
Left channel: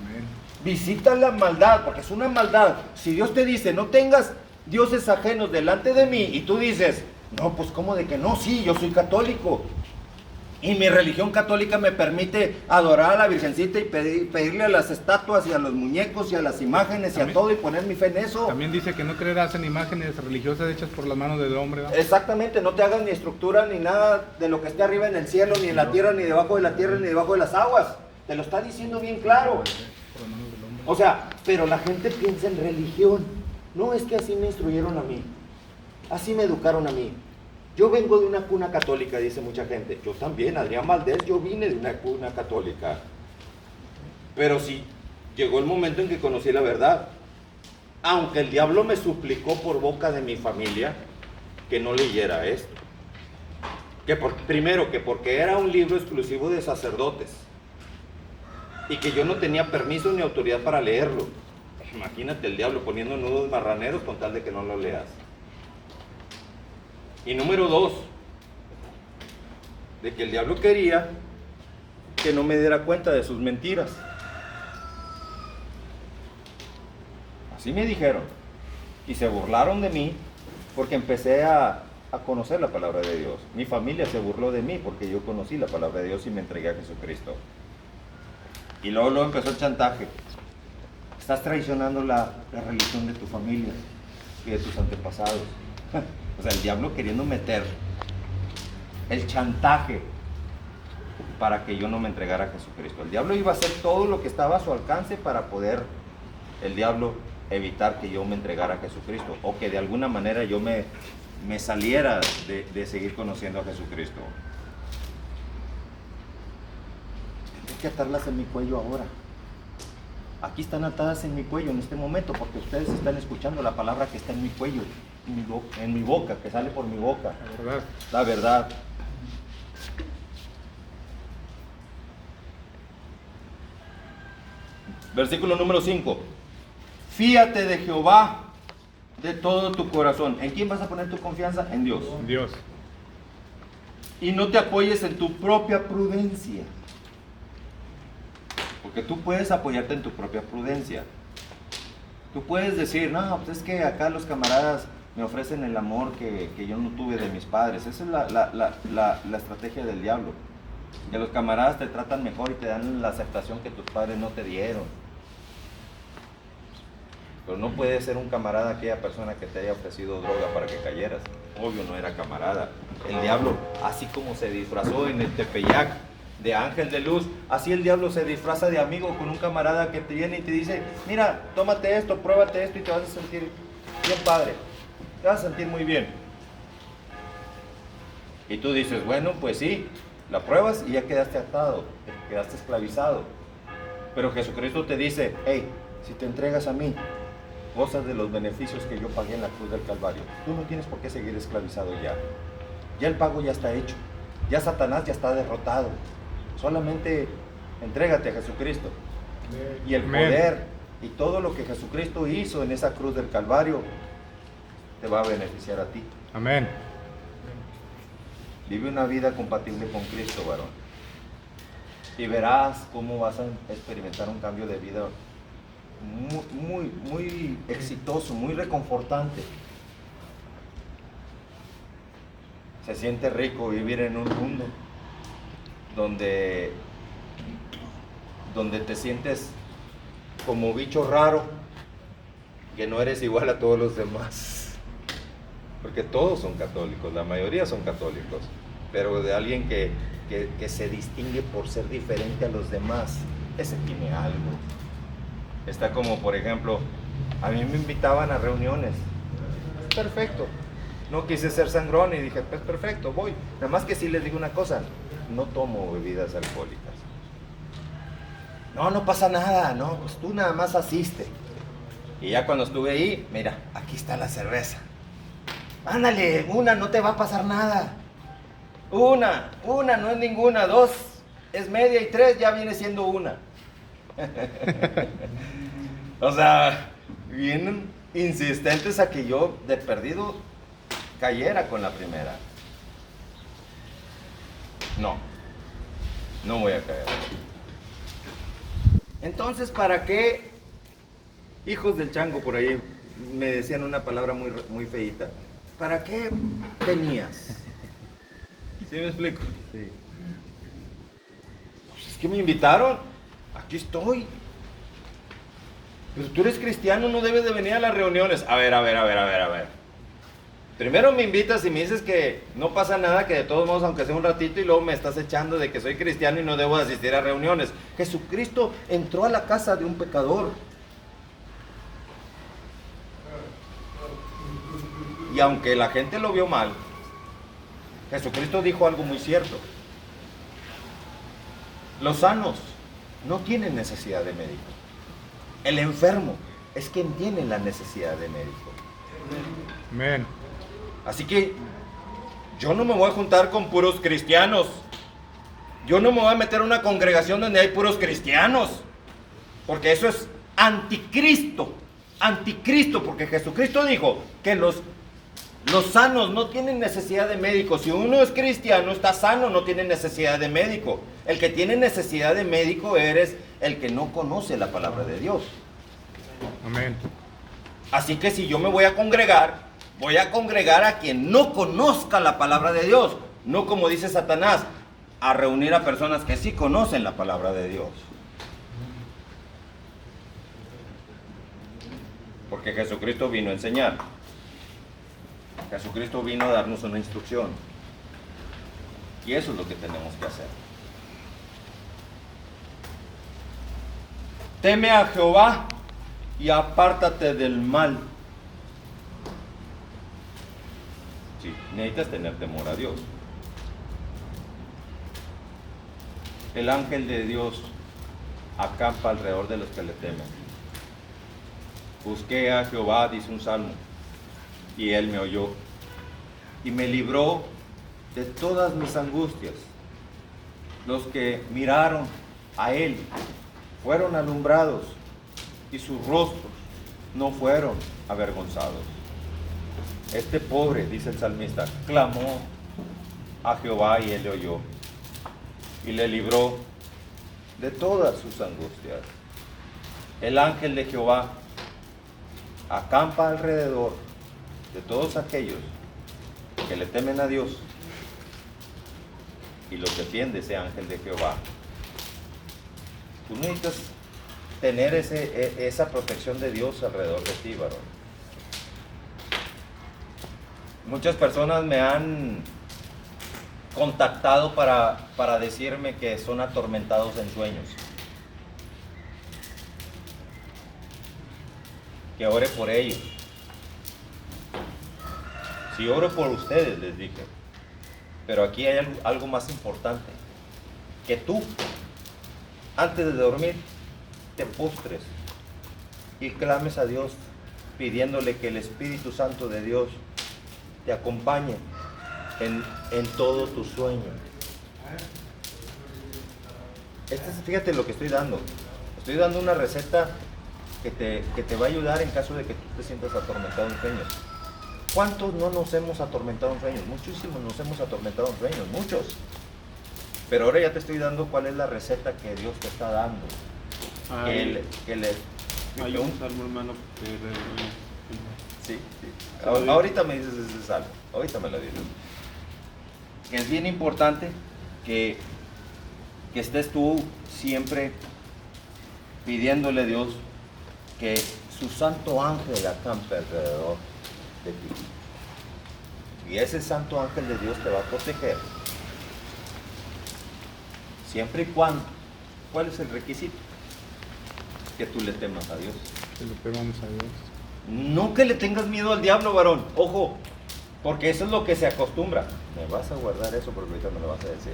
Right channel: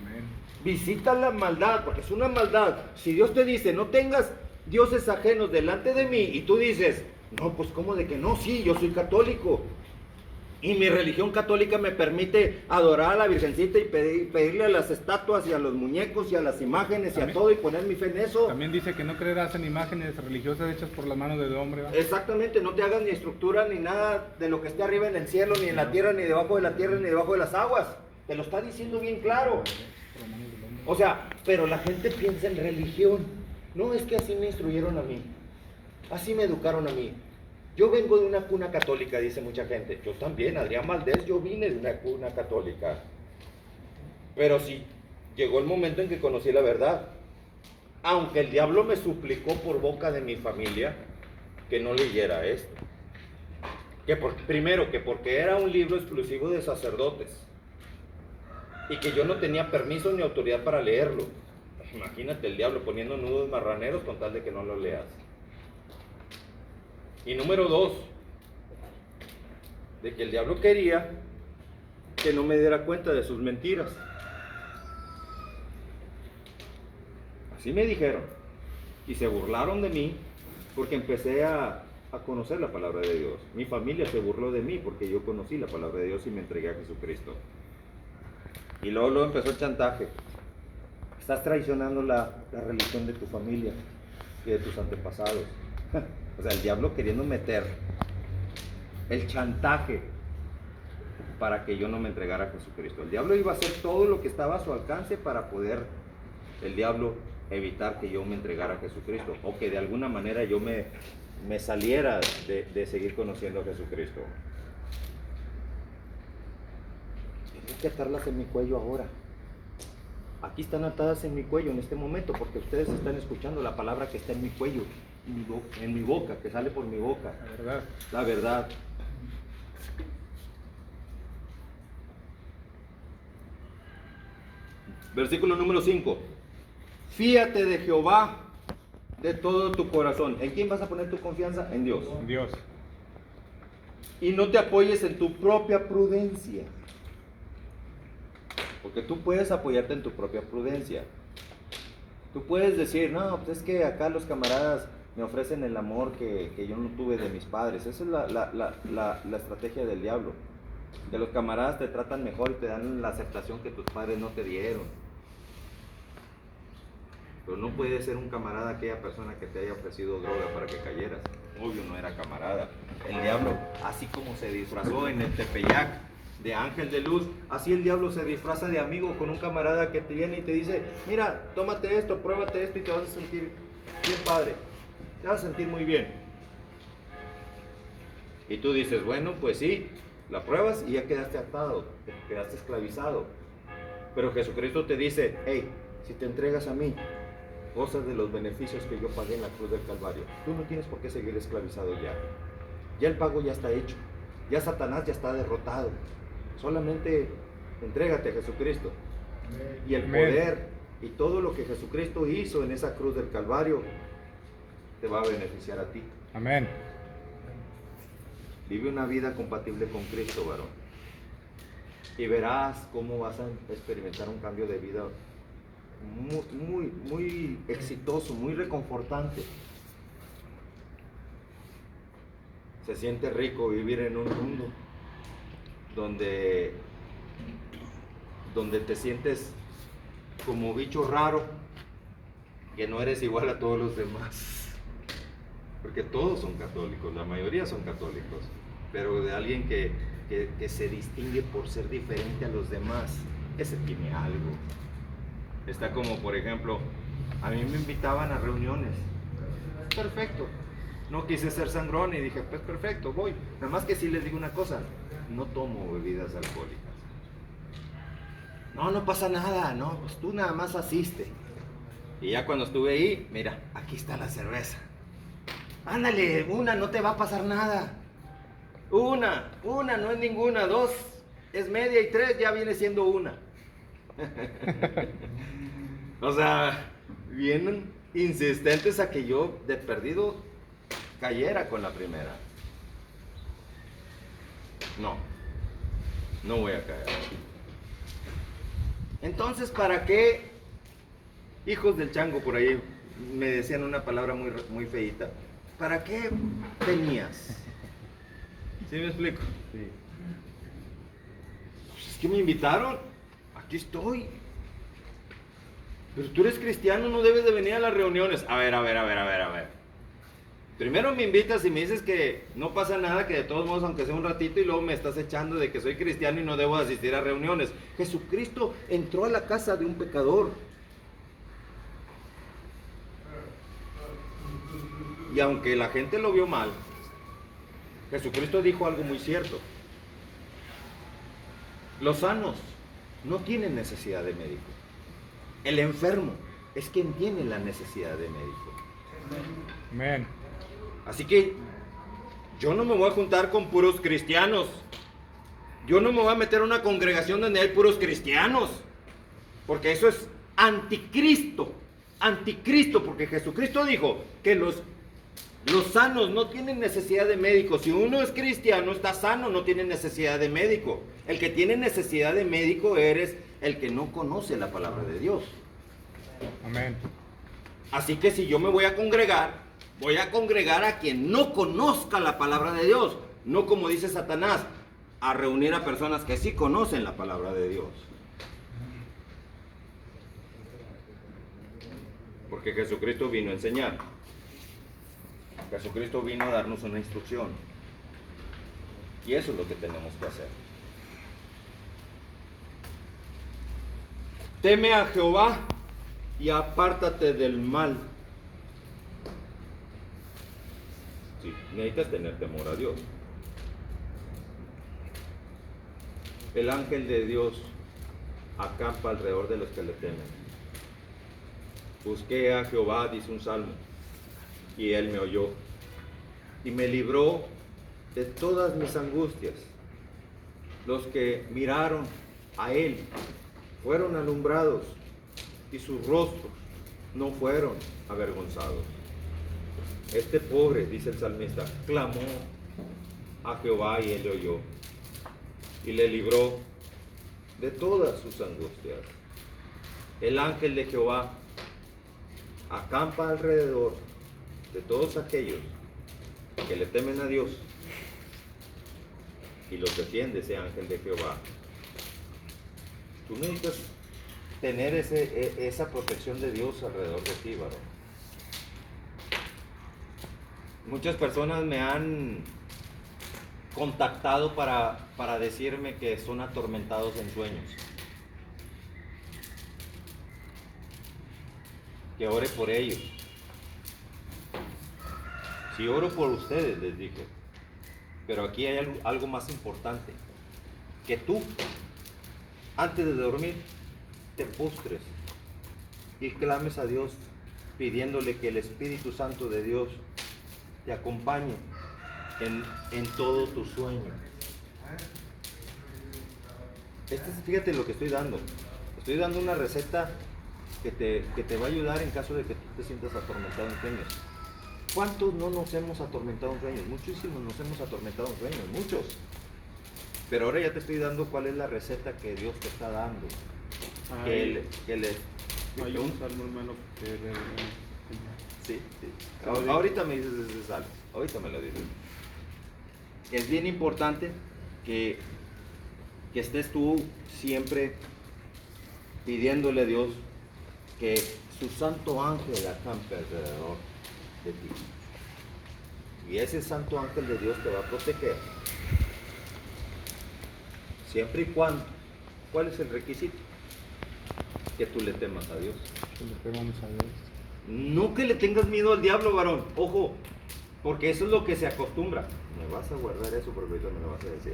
Amén. Visita la maldad, porque es una maldad. Si Dios te dice, no tengas dioses ajenos delante de mí, y tú dices, no, pues ¿cómo de que no? Sí, yo soy católico, y mi religión católica me permite adorar a la Virgencita y pedirle a las estatuas y a los muñecos y a las imágenes y a todo y poner mi fe en eso. También dice que no creerás en imágenes religiosas hechas por las manos del hombre, ¿verdad? Exactamente, no te hagas ni estructura ni nada de lo que esté arriba en el cielo, ni en la tierra, ni debajo de la tierra, ni debajo de las aguas. Te lo está diciendo bien claro. O sea, pero la gente piensa en religión. No, es que así me instruyeron a mí, así me educaron a mí. Yo vengo de una cuna católica, dice mucha gente. Yo también, Adrián Valdés, yo vine de una cuna católica. Pero sí, llegó el momento en que conocí la verdad. Aunque el diablo me suplicó por boca de mi familia que no leyera esto. Primero, que porque era un libro exclusivo de sacerdotes. Y que yo no tenía permiso ni autoridad para leerlo. Imagínate el diablo poniendo nudos marraneros con tal de que no lo leas. Y número 2, de que el diablo quería que no me diera cuenta de sus mentiras. Así me dijeron. Y se burlaron de mí porque empecé a conocer la palabra de Dios. Mi familia se burló de mí porque yo conocí la palabra de Dios y me entregué a Jesucristo. Y luego empezó el chantaje. Estás traicionando la religión de tu familia y de tus antepasados. O sea, el diablo queriendo meter el chantaje para que yo no me entregara a Jesucristo. El diablo iba a hacer todo lo que estaba a su alcance para poder, el diablo, evitar que yo me entregara a Jesucristo, o que de alguna manera yo me saliera de seguir conociendo a Jesucristo. Hay que atarlas en mi cuello ahora. Aquí están atadas en mi cuello en este momento, porque ustedes están escuchando la palabra que está en mi cuello, en mi boca, que sale por mi boca. La verdad. La verdad. Versículo número 5. Fíate de Jehová de todo tu corazón. ¿En quién vas a poner tu confianza? En Dios. Dios. Y no te apoyes en tu propia prudencia. Porque tú puedes apoyarte en tu propia prudencia. Tú puedes decir, no, pues es que acá los camaradas me ofrecen el amor que yo no tuve de mis padres. Esa es la estrategia del diablo. Que los camaradas te tratan mejor y te dan la aceptación que tus padres no te dieron. Pero no puede ser un camarada aquella persona que te haya ofrecido droga para que cayeras. Obvio no era camarada. El diablo, así como se disfrazó en el Tepeyac de ángel de luz, así el diablo se disfraza de amigo con un camarada que te viene y te dice, mira, tómate esto, pruébate esto y te vas a sentir bien padre, te vas a sentir muy bien. Y tú dices, bueno, pues sí, la pruebas y ya quedaste atado, quedaste esclavizado. Pero Jesucristo te dice, hey, si te entregas a mí, gozas de los beneficios que yo pagué en la cruz del Calvario. Tú no tienes por qué seguir esclavizado ya. Ya el pago ya está hecho. Ya Satanás ya está derrotado. Solamente entrégate a Jesucristo. Y el poder y todo lo que Jesucristo hizo en esa cruz del Calvario te va a beneficiar a ti. Amén. Vive una vida compatible con Cristo, varón. Y verás cómo vas a experimentar un cambio de vida muy exitoso, muy reconfortante. Se siente rico vivir en un mundo donde te sientes como bicho raro, que no eres igual a todos los demás. Porque todos son católicos, la mayoría son católicos, pero de alguien que se distingue por ser diferente a los demás, ese tiene algo. Está como, por ejemplo, a mí me invitaban a reuniones. Perfecto. No quise ser sangrón y dije, pues perfecto, voy. Nada más que sí les digo una cosa, no tomo bebidas alcohólicas. No pasa nada, no, pues tú nada más asiste. Y ya cuando estuve ahí, mira, aquí está la cerveza. Ándale, una, no te va a pasar nada. Una, no es ninguna, 2 es media y 3 ya viene siendo una. O sea, vienen insistentes a que yo de perdido cayera con la primera. No voy a caer. Entonces, ¿para qué? Hijos del chango, por ahí me decían una palabra muy feíta. ¿Para qué venías? ¿Sí me explico? Sí. Pues es que me invitaron, aquí estoy. Pero tú eres cristiano, no debes de venir a las reuniones. A ver. Primero me invitas y me dices que no pasa nada, que de todos modos, aunque sea un ratito, y luego me estás echando de que soy cristiano y no debo de asistir a reuniones. Jesucristo entró a la casa de un pecador. Y aunque la gente lo vio mal, Jesucristo dijo algo muy cierto. Los sanos no tienen necesidad de médico. El enfermo es quien tiene la necesidad de médico. Amén. Así que yo no me voy a juntar con puros cristianos. Yo no me voy a meter a una congregación donde hay puros cristianos. Porque eso es anticristo. Anticristo, porque Jesucristo dijo que los sanos no tienen necesidad de médico. Si uno es cristiano, está sano, no tiene necesidad de médico. El que tiene necesidad de médico eres el que no conoce la palabra de Dios. Amén. Así que si yo me voy a congregar a quien no conozca la palabra de Dios. No, como dice Satanás, a reunir a personas que sí conocen la palabra de Dios. Porque Jesucristo vino a enseñar. Jesucristo vino a darnos una instrucción. Y eso es lo que tenemos que hacer. Teme a Jehová y apártate del mal. Sí, necesitas tener temor a Dios. El ángel de Dios acampa alrededor de los que le temen. Busqué a Jehová, dice un salmo, y él me oyó y me libró de todas mis angustias. Los que miraron a él fueron alumbrados y sus rostros no fueron avergonzados. Este pobre, dice el salmista, clamó a Jehová y él le oyó y le libró de todas sus angustias. El ángel de Jehová acampa alrededor de todos aquellos que le temen a Dios y los defiende ese ángel de Jehová. Tú necesitas tener esa protección de Dios alrededor de ti, varón. Muchas personas me han contactado para decirme que son atormentados en sueños. Que ore por ellos. Si oro por ustedes, les dije. Pero aquí hay algo más importante. Que tú, antes de dormir, te postres y clames a Dios, pidiéndole que el Espíritu Santo de Dios te acompañe en todo tu sueño. Fíjate lo que estoy dando. Estoy dando una receta que te va a ayudar en caso de que tú te sientas atormentado en sueños. ¿Cuántos no nos hemos atormentado en sueños? Muchísimos nos hemos atormentado en sueños, muchos. Pero ahora ya te estoy dando cuál es la receta que Dios te está dando. Hay un salmo, hermano, Sí. Ahorita me dices ese salmo, ahorita me lo dices. Que es bien importante que estés tú siempre pidiéndole a Dios que su santo ángel acampe alrededor de ti. Y ese santo ángel de Dios te va a proteger. Siempre y cuando, ¿cuál es el requisito? Que tú le temas a Dios. Que le temamos a Dios. No que le tengas miedo al diablo, varón. Ojo, porque eso es lo que se acostumbra. Me vas a guardar eso porque ahorita me lo vas a decir.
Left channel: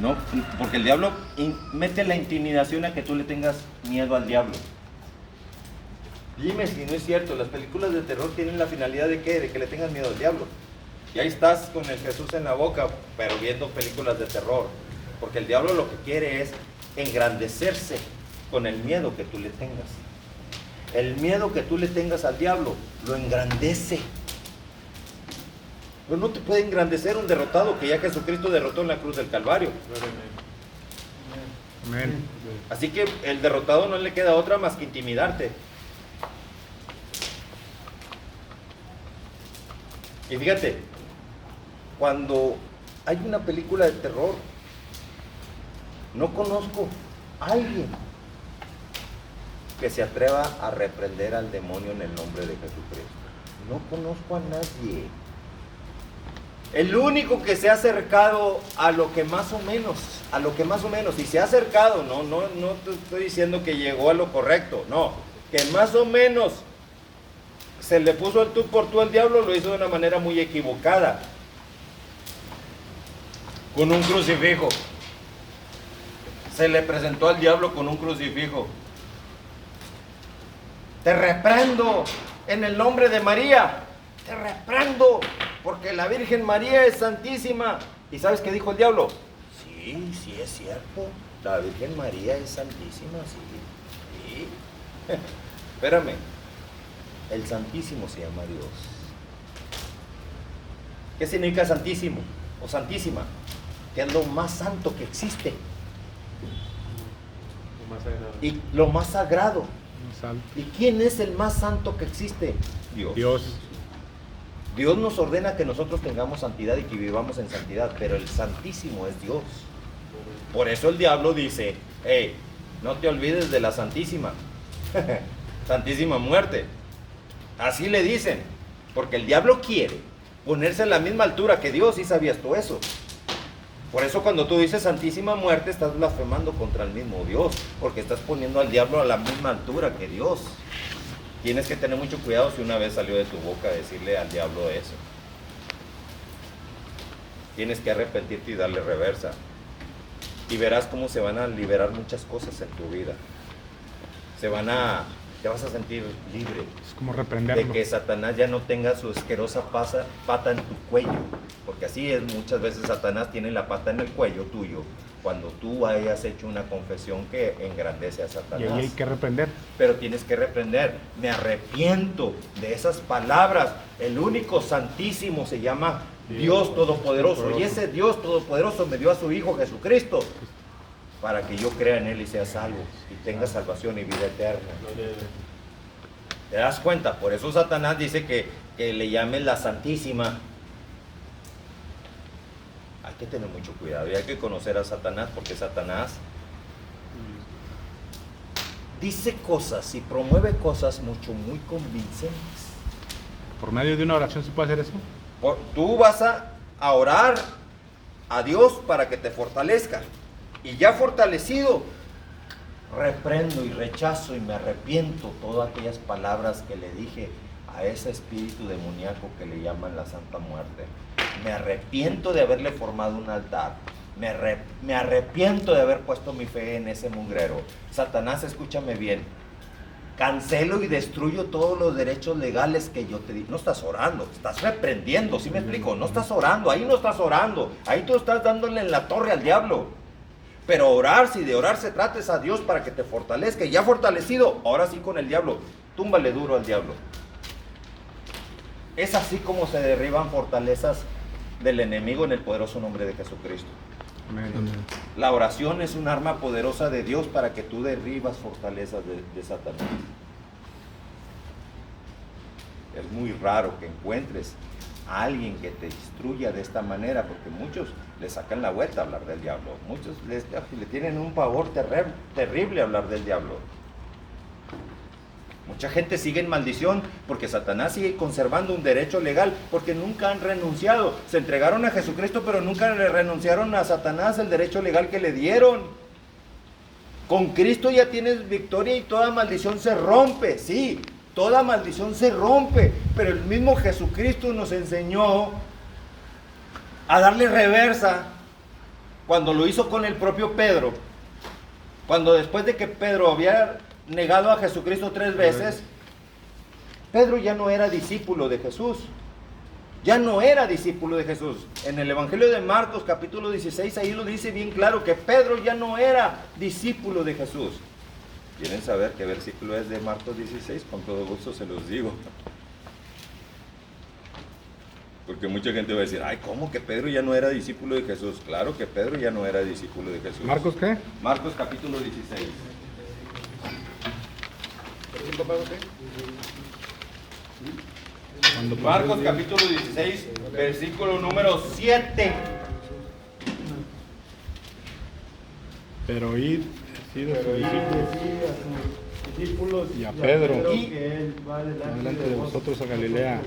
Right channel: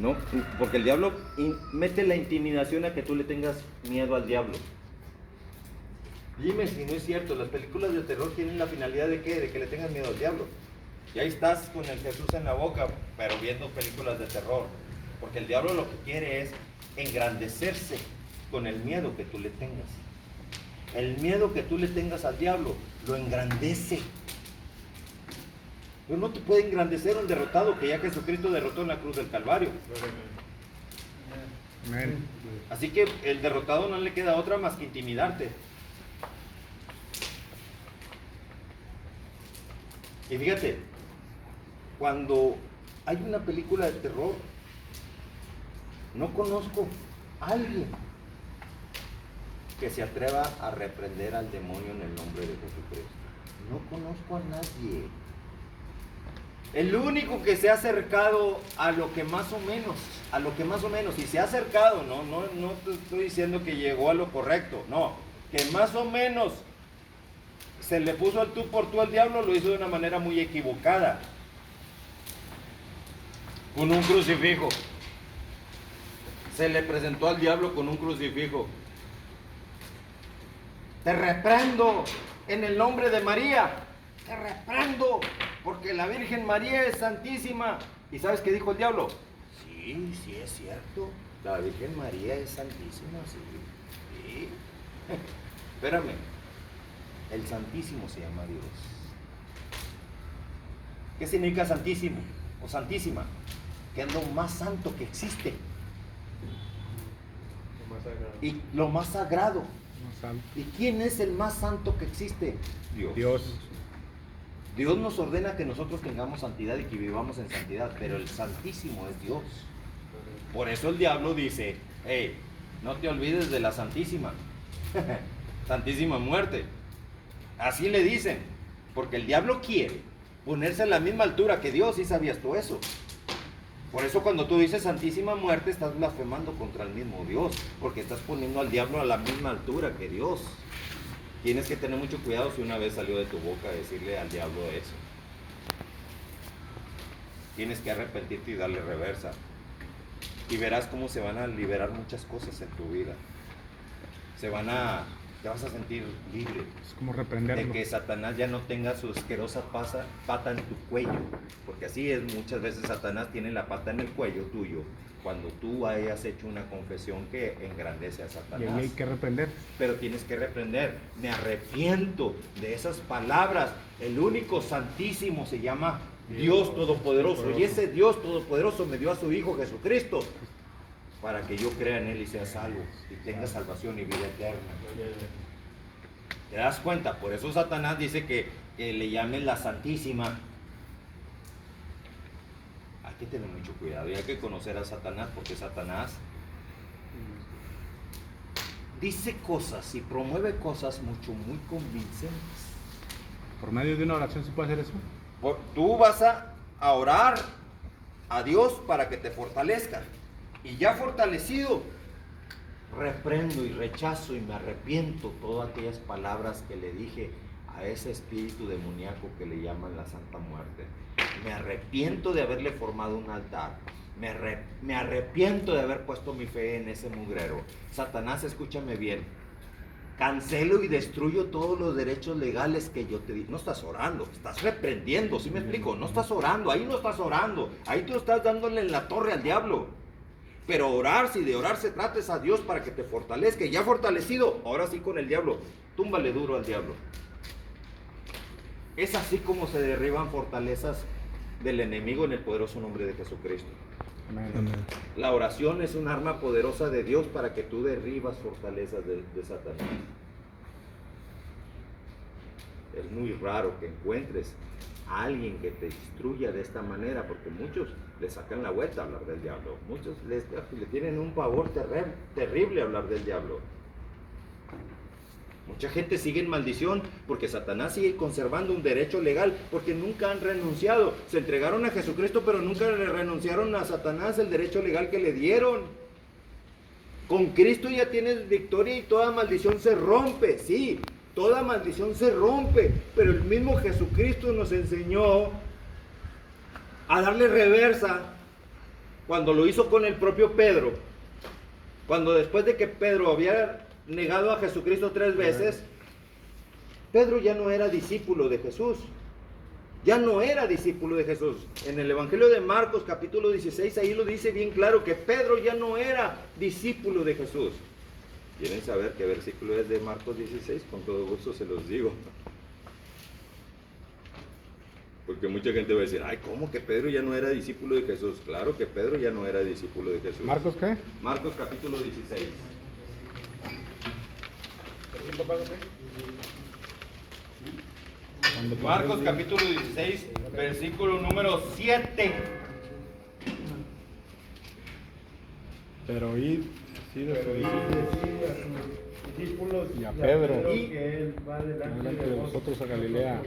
No, porque el diablo mete la intimidación a que tú le tengas miedo al diablo. Dime si no es cierto, las películas de terror tienen la finalidad de ¿qué? De que le tengas miedo al diablo. Y ahí estás con el Jesús en la boca, pero viendo películas de terror. Porque el diablo lo que quiere es engrandecerse con el miedo que tú le tengas. El miedo que tú le tengas al diablo lo engrandece. Pero no te puede engrandecer un derrotado que ya Jesucristo derrotó en la cruz del Calvario. Amén. Así que el derrotado no le queda otra más que intimidarte. Y fíjate, cuando hay una película de terror, no conozco a alguien que se atreva a reprender al demonio en el nombre de Jesucristo. No conozco a nadie. El único que se ha acercado a lo que más o menos, y se ha acercado, no te estoy diciendo que llegó a lo correcto, no, que más o menos se le puso el tú por tú al diablo, lo hizo de una manera muy equivocada, con un crucifijo. Se le presentó al diablo con un crucifijo. Te reprendo en el nombre de María, te reprendo, porque la Virgen María es santísima. ¿Y sabes qué dijo el diablo? Sí, es cierto, la Virgen María es santísima, sí. Espérame, el Santísimo se llama Dios. ¿Qué significa santísimo o santísima? Que es lo más santo que existe. Y lo más sagrado. ¿Y quién es el más santo que existe? Dios. Dios nos ordena que nosotros tengamos santidad y que vivamos en santidad, pero el Santísimo es Dios. Por eso el diablo dice, hey, no te olvides de la Santísima, Santísima muerte. Así le dicen, porque el diablo quiere ponerse a la misma altura que Dios, ¿y sabías tú eso? Por eso cuando tú dices Santísima muerte, estás blasfemando contra el mismo Dios, porque estás poniendo al diablo a la misma altura que Dios. Tienes que tener mucho cuidado si una vez salió de tu boca decirle al diablo eso. Tienes que arrepentirte y darle reversa. Y verás cómo se van a liberar muchas cosas en tu vida. Te vas a sentir libre. Es como reprenderlo. De que Satanás ya no tenga su asquerosa pata en tu cuello. Porque así es, muchas veces Satanás tiene la pata en el cuello tuyo cuando tú hayas hecho una confesión que engrandece a Satanás. Y ahí hay que reprender. Pero tienes que reprender. Me arrepiento de esas palabras. El único santísimo se llama Dios Todopoderoso. Y ese Dios Todopoderoso me dio a su Hijo Jesucristo para que yo crea en Él y sea salvo y tenga salvación y vida eterna. ¿Te das cuenta? Por eso Satanás dice que le llamen la Santísima. Hay que tener mucho cuidado y hay que conocer a Satanás, porque Satanás dice cosas y promueve cosas muy convincentes. ¿Por medio de una oración se puede hacer eso? Tú vas a orar a Dios para que te fortalezca. Y ya fortalecido, reprendo y rechazo y me arrepiento todas aquellas palabras que le dije a ese espíritu demoníaco que le llaman la Santa Muerte. Me arrepiento de haberle formado un altar. Me arrepiento de haber puesto mi fe en ese mugrero. Satanás, escúchame bien. Cancelo y destruyo todos los derechos legales que yo te di. No estás orando, estás reprendiendo, ¿sí me explico? No estás orando, ahí no estás orando. Ahí tú estás dándole en la torre al diablo. Pero orar, si de orar se trata, es a Dios para que te fortalezca. Y ya fortalecido, ahora sí con el diablo. Túmbale duro al diablo. Es así como se derriban fortalezas del enemigo en el poderoso nombre de Jesucristo. Amén. La oración es un arma poderosa de Dios para que tú derribas fortalezas de Satanás. Es muy raro que encuentres a alguien que te instruya de esta manera, porque muchos le sacan la vuelta a hablar del diablo. Muchos le tienen un pavor terrible a hablar del diablo. Mucha gente sigue en maldición porque Satanás sigue conservando un derecho legal, porque nunca han renunciado. Se entregaron a Jesucristo, pero nunca le renunciaron a Satanás el derecho legal que le dieron. Con Cristo ya tienes victoria y toda maldición se rompe, sí, toda maldición se rompe, pero el mismo Jesucristo nos enseñó a darle reversa cuando lo hizo con el propio Pedro. Cuando después de que Pedro había negado a Jesucristo 3 veces, Pedro ya no era discípulo de Jesús. Ya no era discípulo de Jesús. En el Evangelio de Marcos, capítulo 16, ahí lo dice bien claro que Pedro ya no era discípulo de Jesús. ¿Quieren saber qué versículo es de Marcos 16? Con todo gusto se los digo. Porque mucha gente va a decir, ay, ¿cómo que Pedro ya no era discípulo de Jesús? Claro que Pedro ya no era discípulo de Jesús. ¿Marcos qué? Marcos capítulo 16. Marcos capítulo 16, versículo número 7. Pero id, decid a sus discípulos y a Pedro, Pedro, que él va delante de vosotros a Galilea.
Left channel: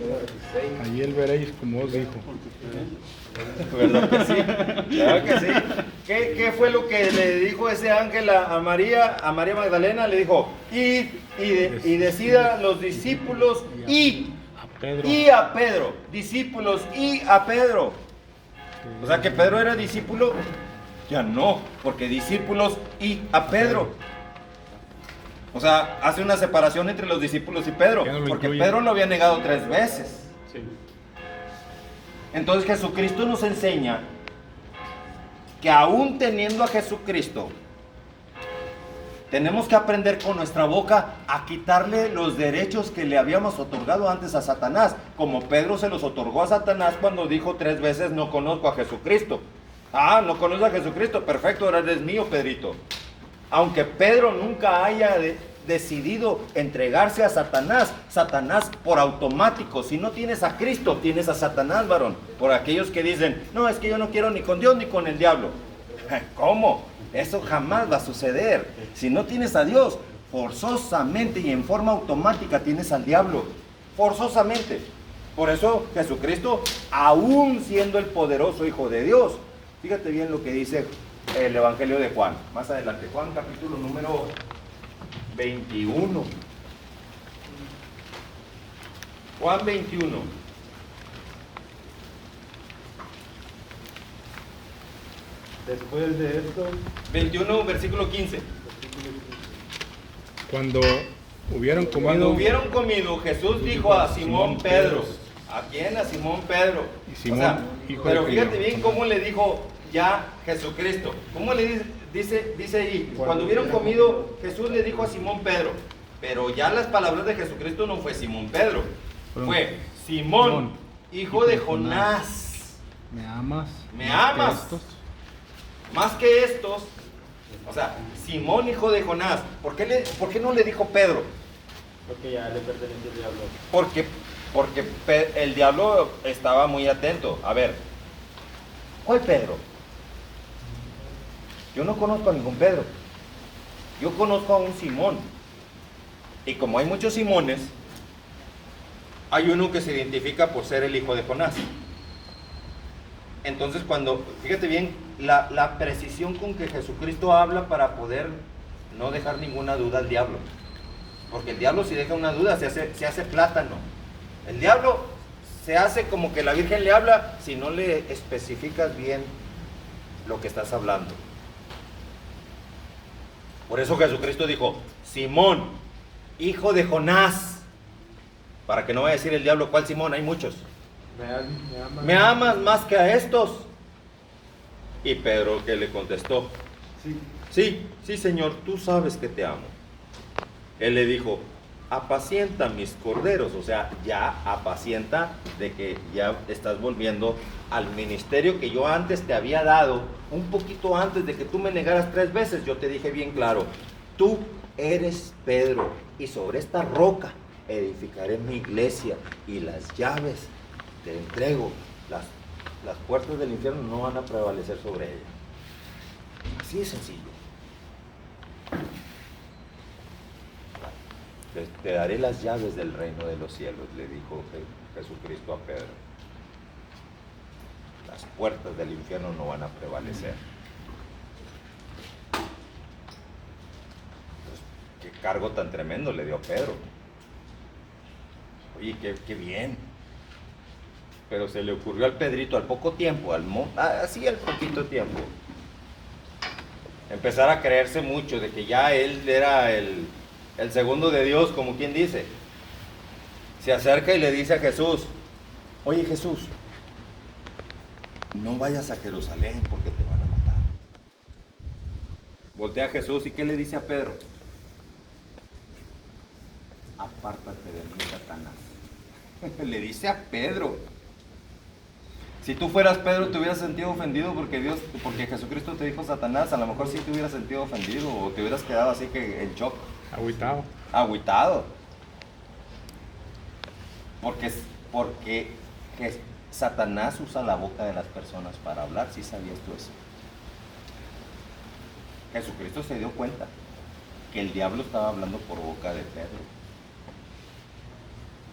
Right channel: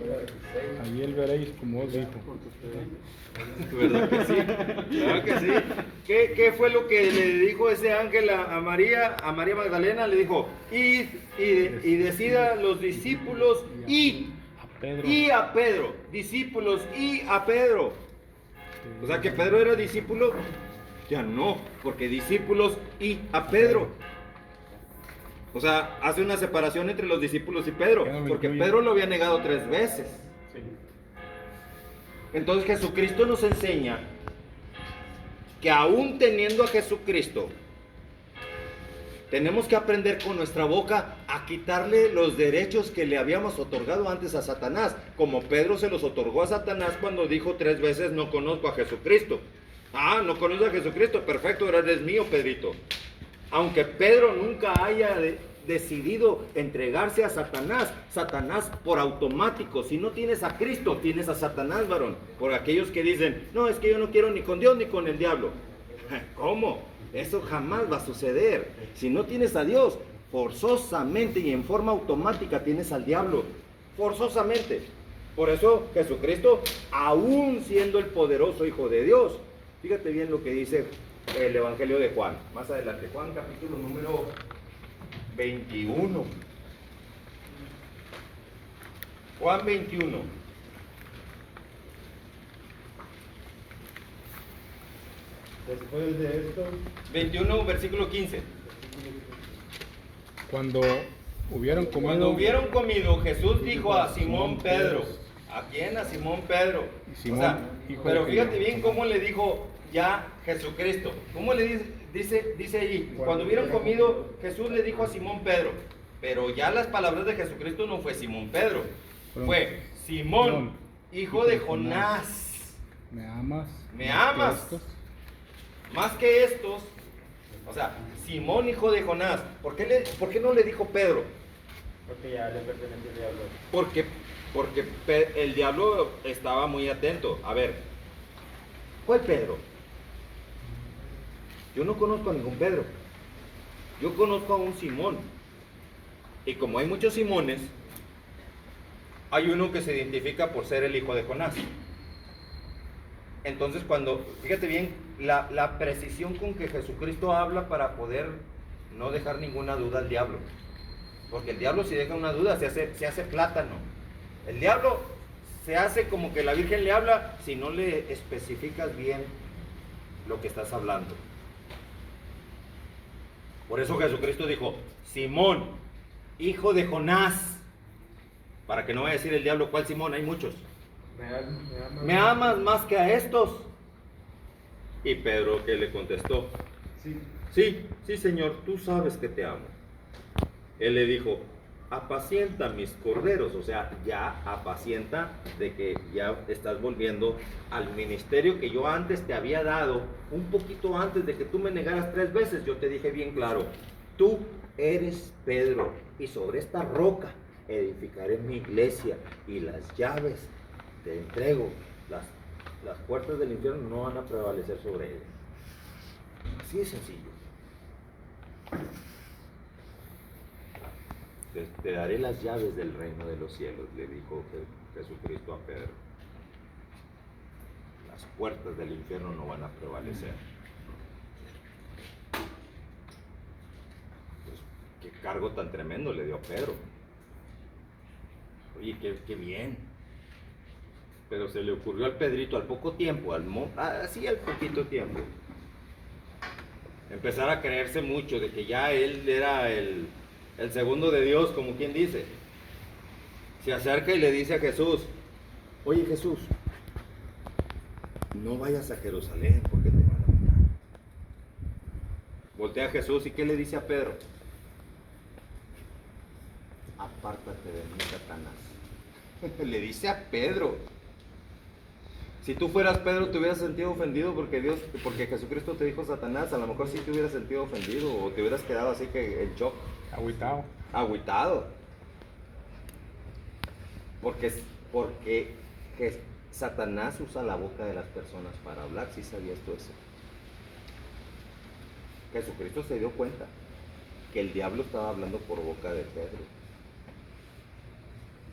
Allí él veréis como os dijo. ¿Verdad que sí? Claro que sí. ¿Qué fue lo que le dijo ese ángel a María Magdalena? Le dijo, id y decida a los discípulos y a Pedro. Discípulos y a Pedro. O sea que Pedro era discípulo. Ya no, porque discípulos y a Pedro. O sea, hace una separación entre los discípulos y Pedro, porque Pedro lo había negado 3 veces. Entonces Jesucristo nos enseña que aún teniendo a Jesucristo, tenemos que aprender con nuestra boca a quitarle los derechos que le habíamos otorgado antes a Satanás, como Pedro se los otorgó a Satanás cuando dijo 3 veces, no conozco a Jesucristo. Ah, no conoces a Jesucristo, perfecto, ahora eres mío, Pedrito. Aunque Pedro nunca haya decidido entregarse a Satanás, Satanás por automático, si no tienes a Cristo, tienes a Satanás, varón. Por aquellos que dicen, no, es que yo no quiero ni con Dios ni con el diablo. ¿Cómo? Eso jamás va a suceder. Si no tienes a Dios, forzosamente y en forma automática tienes al diablo. Forzosamente. Por eso Jesucristo, aún siendo el poderoso Hijo de Dios, fíjate bien lo que dice el Evangelio de Juan. Más adelante, Juan capítulo número 21. Juan 21. Después de esto, 21, versículo 15. Cuando hubieron comido, Cuando hubieron comido, Jesús dijo a Simón Pedro. ¿A quién? A Simón Pedro. Y Simón, O sea, hijo pero de fíjate Cleofas. bien cómo le dijo ya Jesucristo. ¿Cómo le dice ahí? Cuando hubieron comido, Jesús le dijo a Simón Pedro. Pero ya las palabras de Jesucristo no fue Simón Pedro. Fue Simón, hijo de Jonás. ¿me amas? ¿Me más que amas? estos? Más que estos. O sea, Simón, hijo de Jonás. ¿Por qué no le dijo Pedro? porque ya le pertenece al diablo. Porque el diablo estaba muy atento. A ver, ¿cuál Pedro? Yo no conozco a ningún Pedro. Yo conozco a un Simón. Y como hay muchos Simones, hay uno que se identifica por ser el hijo de Jonás. Entonces fíjate bien, la precisión con que Jesucristo habla para poder no dejar ninguna duda al diablo. Porque el diablo, si deja una duda, se hace plátano. El diablo se hace como que la Virgen le habla si no le especificas bien lo que estás hablando. Por eso Jesucristo dijo: Simón, hijo de Jonás. Para que no vaya a decir el diablo: ¿cuál Simón? Hay muchos. ¿Me amas más que a estos? Y Pedro, que le contestó: sí, Señor, tú sabes que te amo. Él le dijo: apacienta mis corderos. O sea, ya apacienta, de que ya estás volviendo al ministerio que yo antes te había dado. Un poquito antes de que tú me negaras 3 veces, yo te dije bien claro: tú eres Pedro, y sobre esta roca edificaré mi iglesia, y las llaves te entrego. Las puertas del infierno no van a prevalecer sobre ella. Así de sencillo. Te daré las llaves del reino de los cielos, le dijo Jesucristo a Pedro. Las puertas del infierno no van a prevalecer. Pues, qué cargo tan tremendo le dio a Pedro. Oye, qué bien. Pero se le ocurrió al Pedrito al poco tiempo, así al poquito tiempo, empezar a creerse mucho de que ya él era el segundo de Dios, como quien dice. Se acerca y le dice a Jesús: oye, Jesús, no vayas a Jerusalén porque te van a matar. Voltea a Jesús, ¿y qué le dice a Pedro? Apártate de mí, Satanás. Le dice a Pedro. Si tú fueras Pedro, te hubieras sentido ofendido porque Jesucristo te dijo Satanás. A lo mejor sí te hubieras sentido ofendido, o te hubieras quedado así que en shock. Agüitado. Porque Satanás usa la boca de las personas para hablar. ¿Sí sabías tú eso? Jesucristo se dio cuenta que el diablo estaba hablando por boca de Pedro.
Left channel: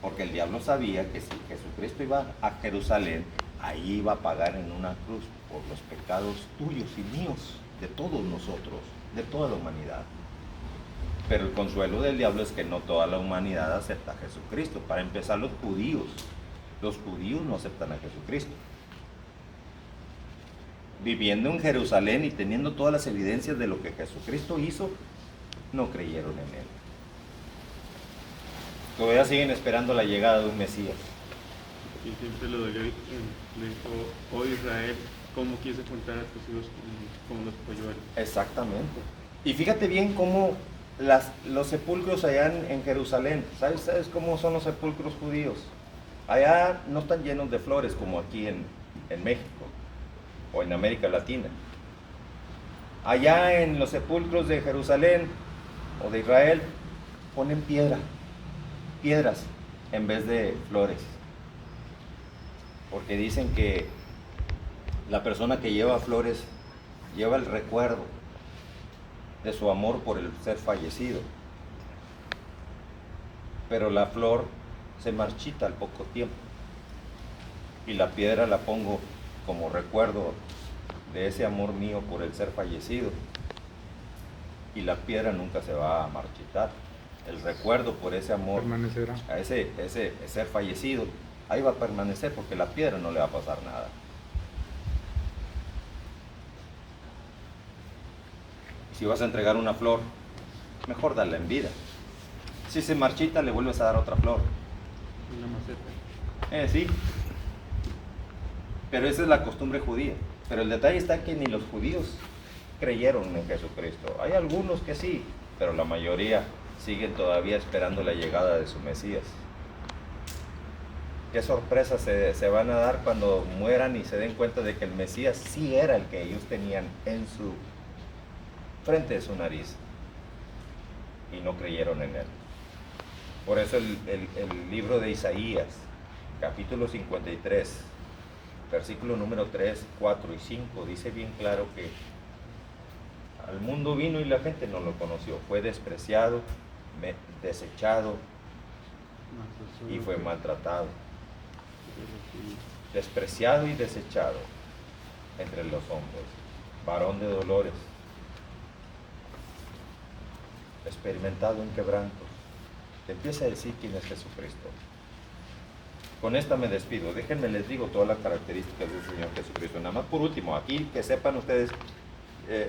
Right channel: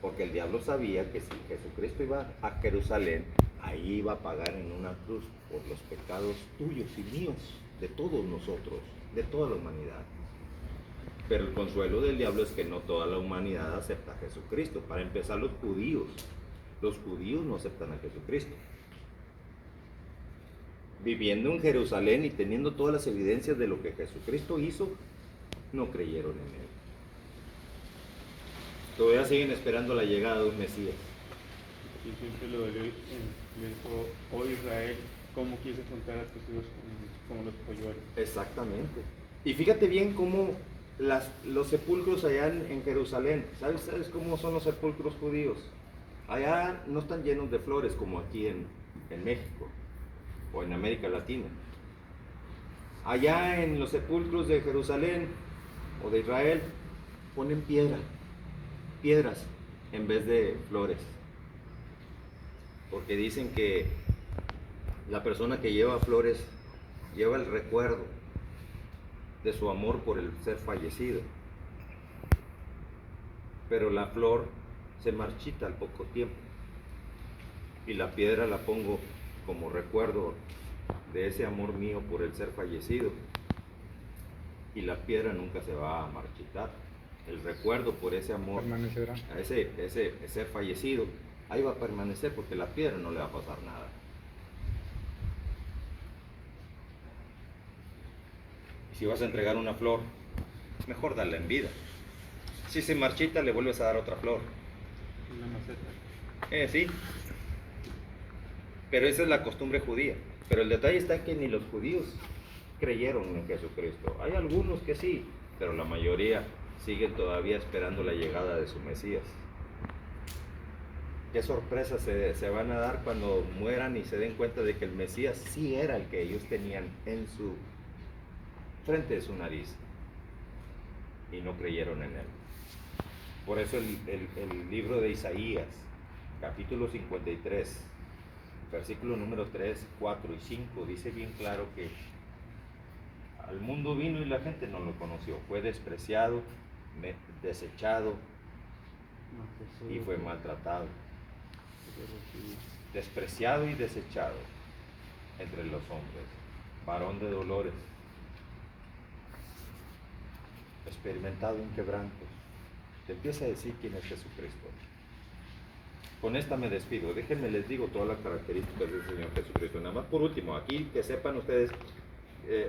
Porque el diablo sabía que si Jesucristo iba a Jerusalén, ahí iba a pagar en una cruz por los pecados tuyos y míos, de todos nosotros, de toda la humanidad. Pero el consuelo del diablo es que no toda la humanidad acepta a Jesucristo. Para empezar, los judíos no aceptan a Jesucristo. Viviendo en Jerusalén y teniendo todas las evidencias de lo que Jesucristo hizo, no creyeron en él. Todavía siguen esperando la llegada de un Mesías. Y siempre lo dolió, le dijo: oh Israel, ¿cómo quise juntar a tus hijos como los polluelos? Exactamente. Y fíjate bien cómo los sepulcros allá en Jerusalén, ¿sabes cómo son los sepulcros judíos? Allá no están llenos de flores como aquí en México o en América Latina. Allá en los sepulcros de Jerusalén o de Israel ponen piedras en vez de flores. Porque dicen que la persona que lleva flores lleva el recuerdo de su amor por el ser fallecido. Pero la flor se marchita al poco tiempo. Y la piedra la pongo como recuerdo de ese amor mío por el ser fallecido. Y la piedra nunca se va a marchitar. El recuerdo por ese amor permanecerá. A ese ser fallecido, ahí va a permanecer, porque la piedra no le va a pasar nada. Y si vas a entregar una flor, mejor darla en vida. Si se marchita, le vuelves a dar otra flor. Una maceta. Sí. Pero esa es la costumbre judía. Pero el detalle está en que ni los judíos creyeron en Jesucristo. Hay algunos que sí, pero la mayoría siguen todavía esperando la llegada de su Mesías. Qué sorpresas se van a dar cuando mueran y se den cuenta de que el Mesías sí era el que ellos tenían en su frente de su nariz, y no creyeron en él. Por eso el libro de Isaías, capítulo 53, versículo número 3, 4 y 5, dice bien claro que al mundo vino y la gente no lo conoció. Fue despreciado, desechado y fue maltratado. Despreciado y desechado entre los hombres, varón de dolores, experimentado en quebranto. Te empieza a decir quién es Jesucristo. Con esta me despido. Déjenme les digo todas las características del Señor Jesucristo. Nada más por último, aquí que sepan ustedes,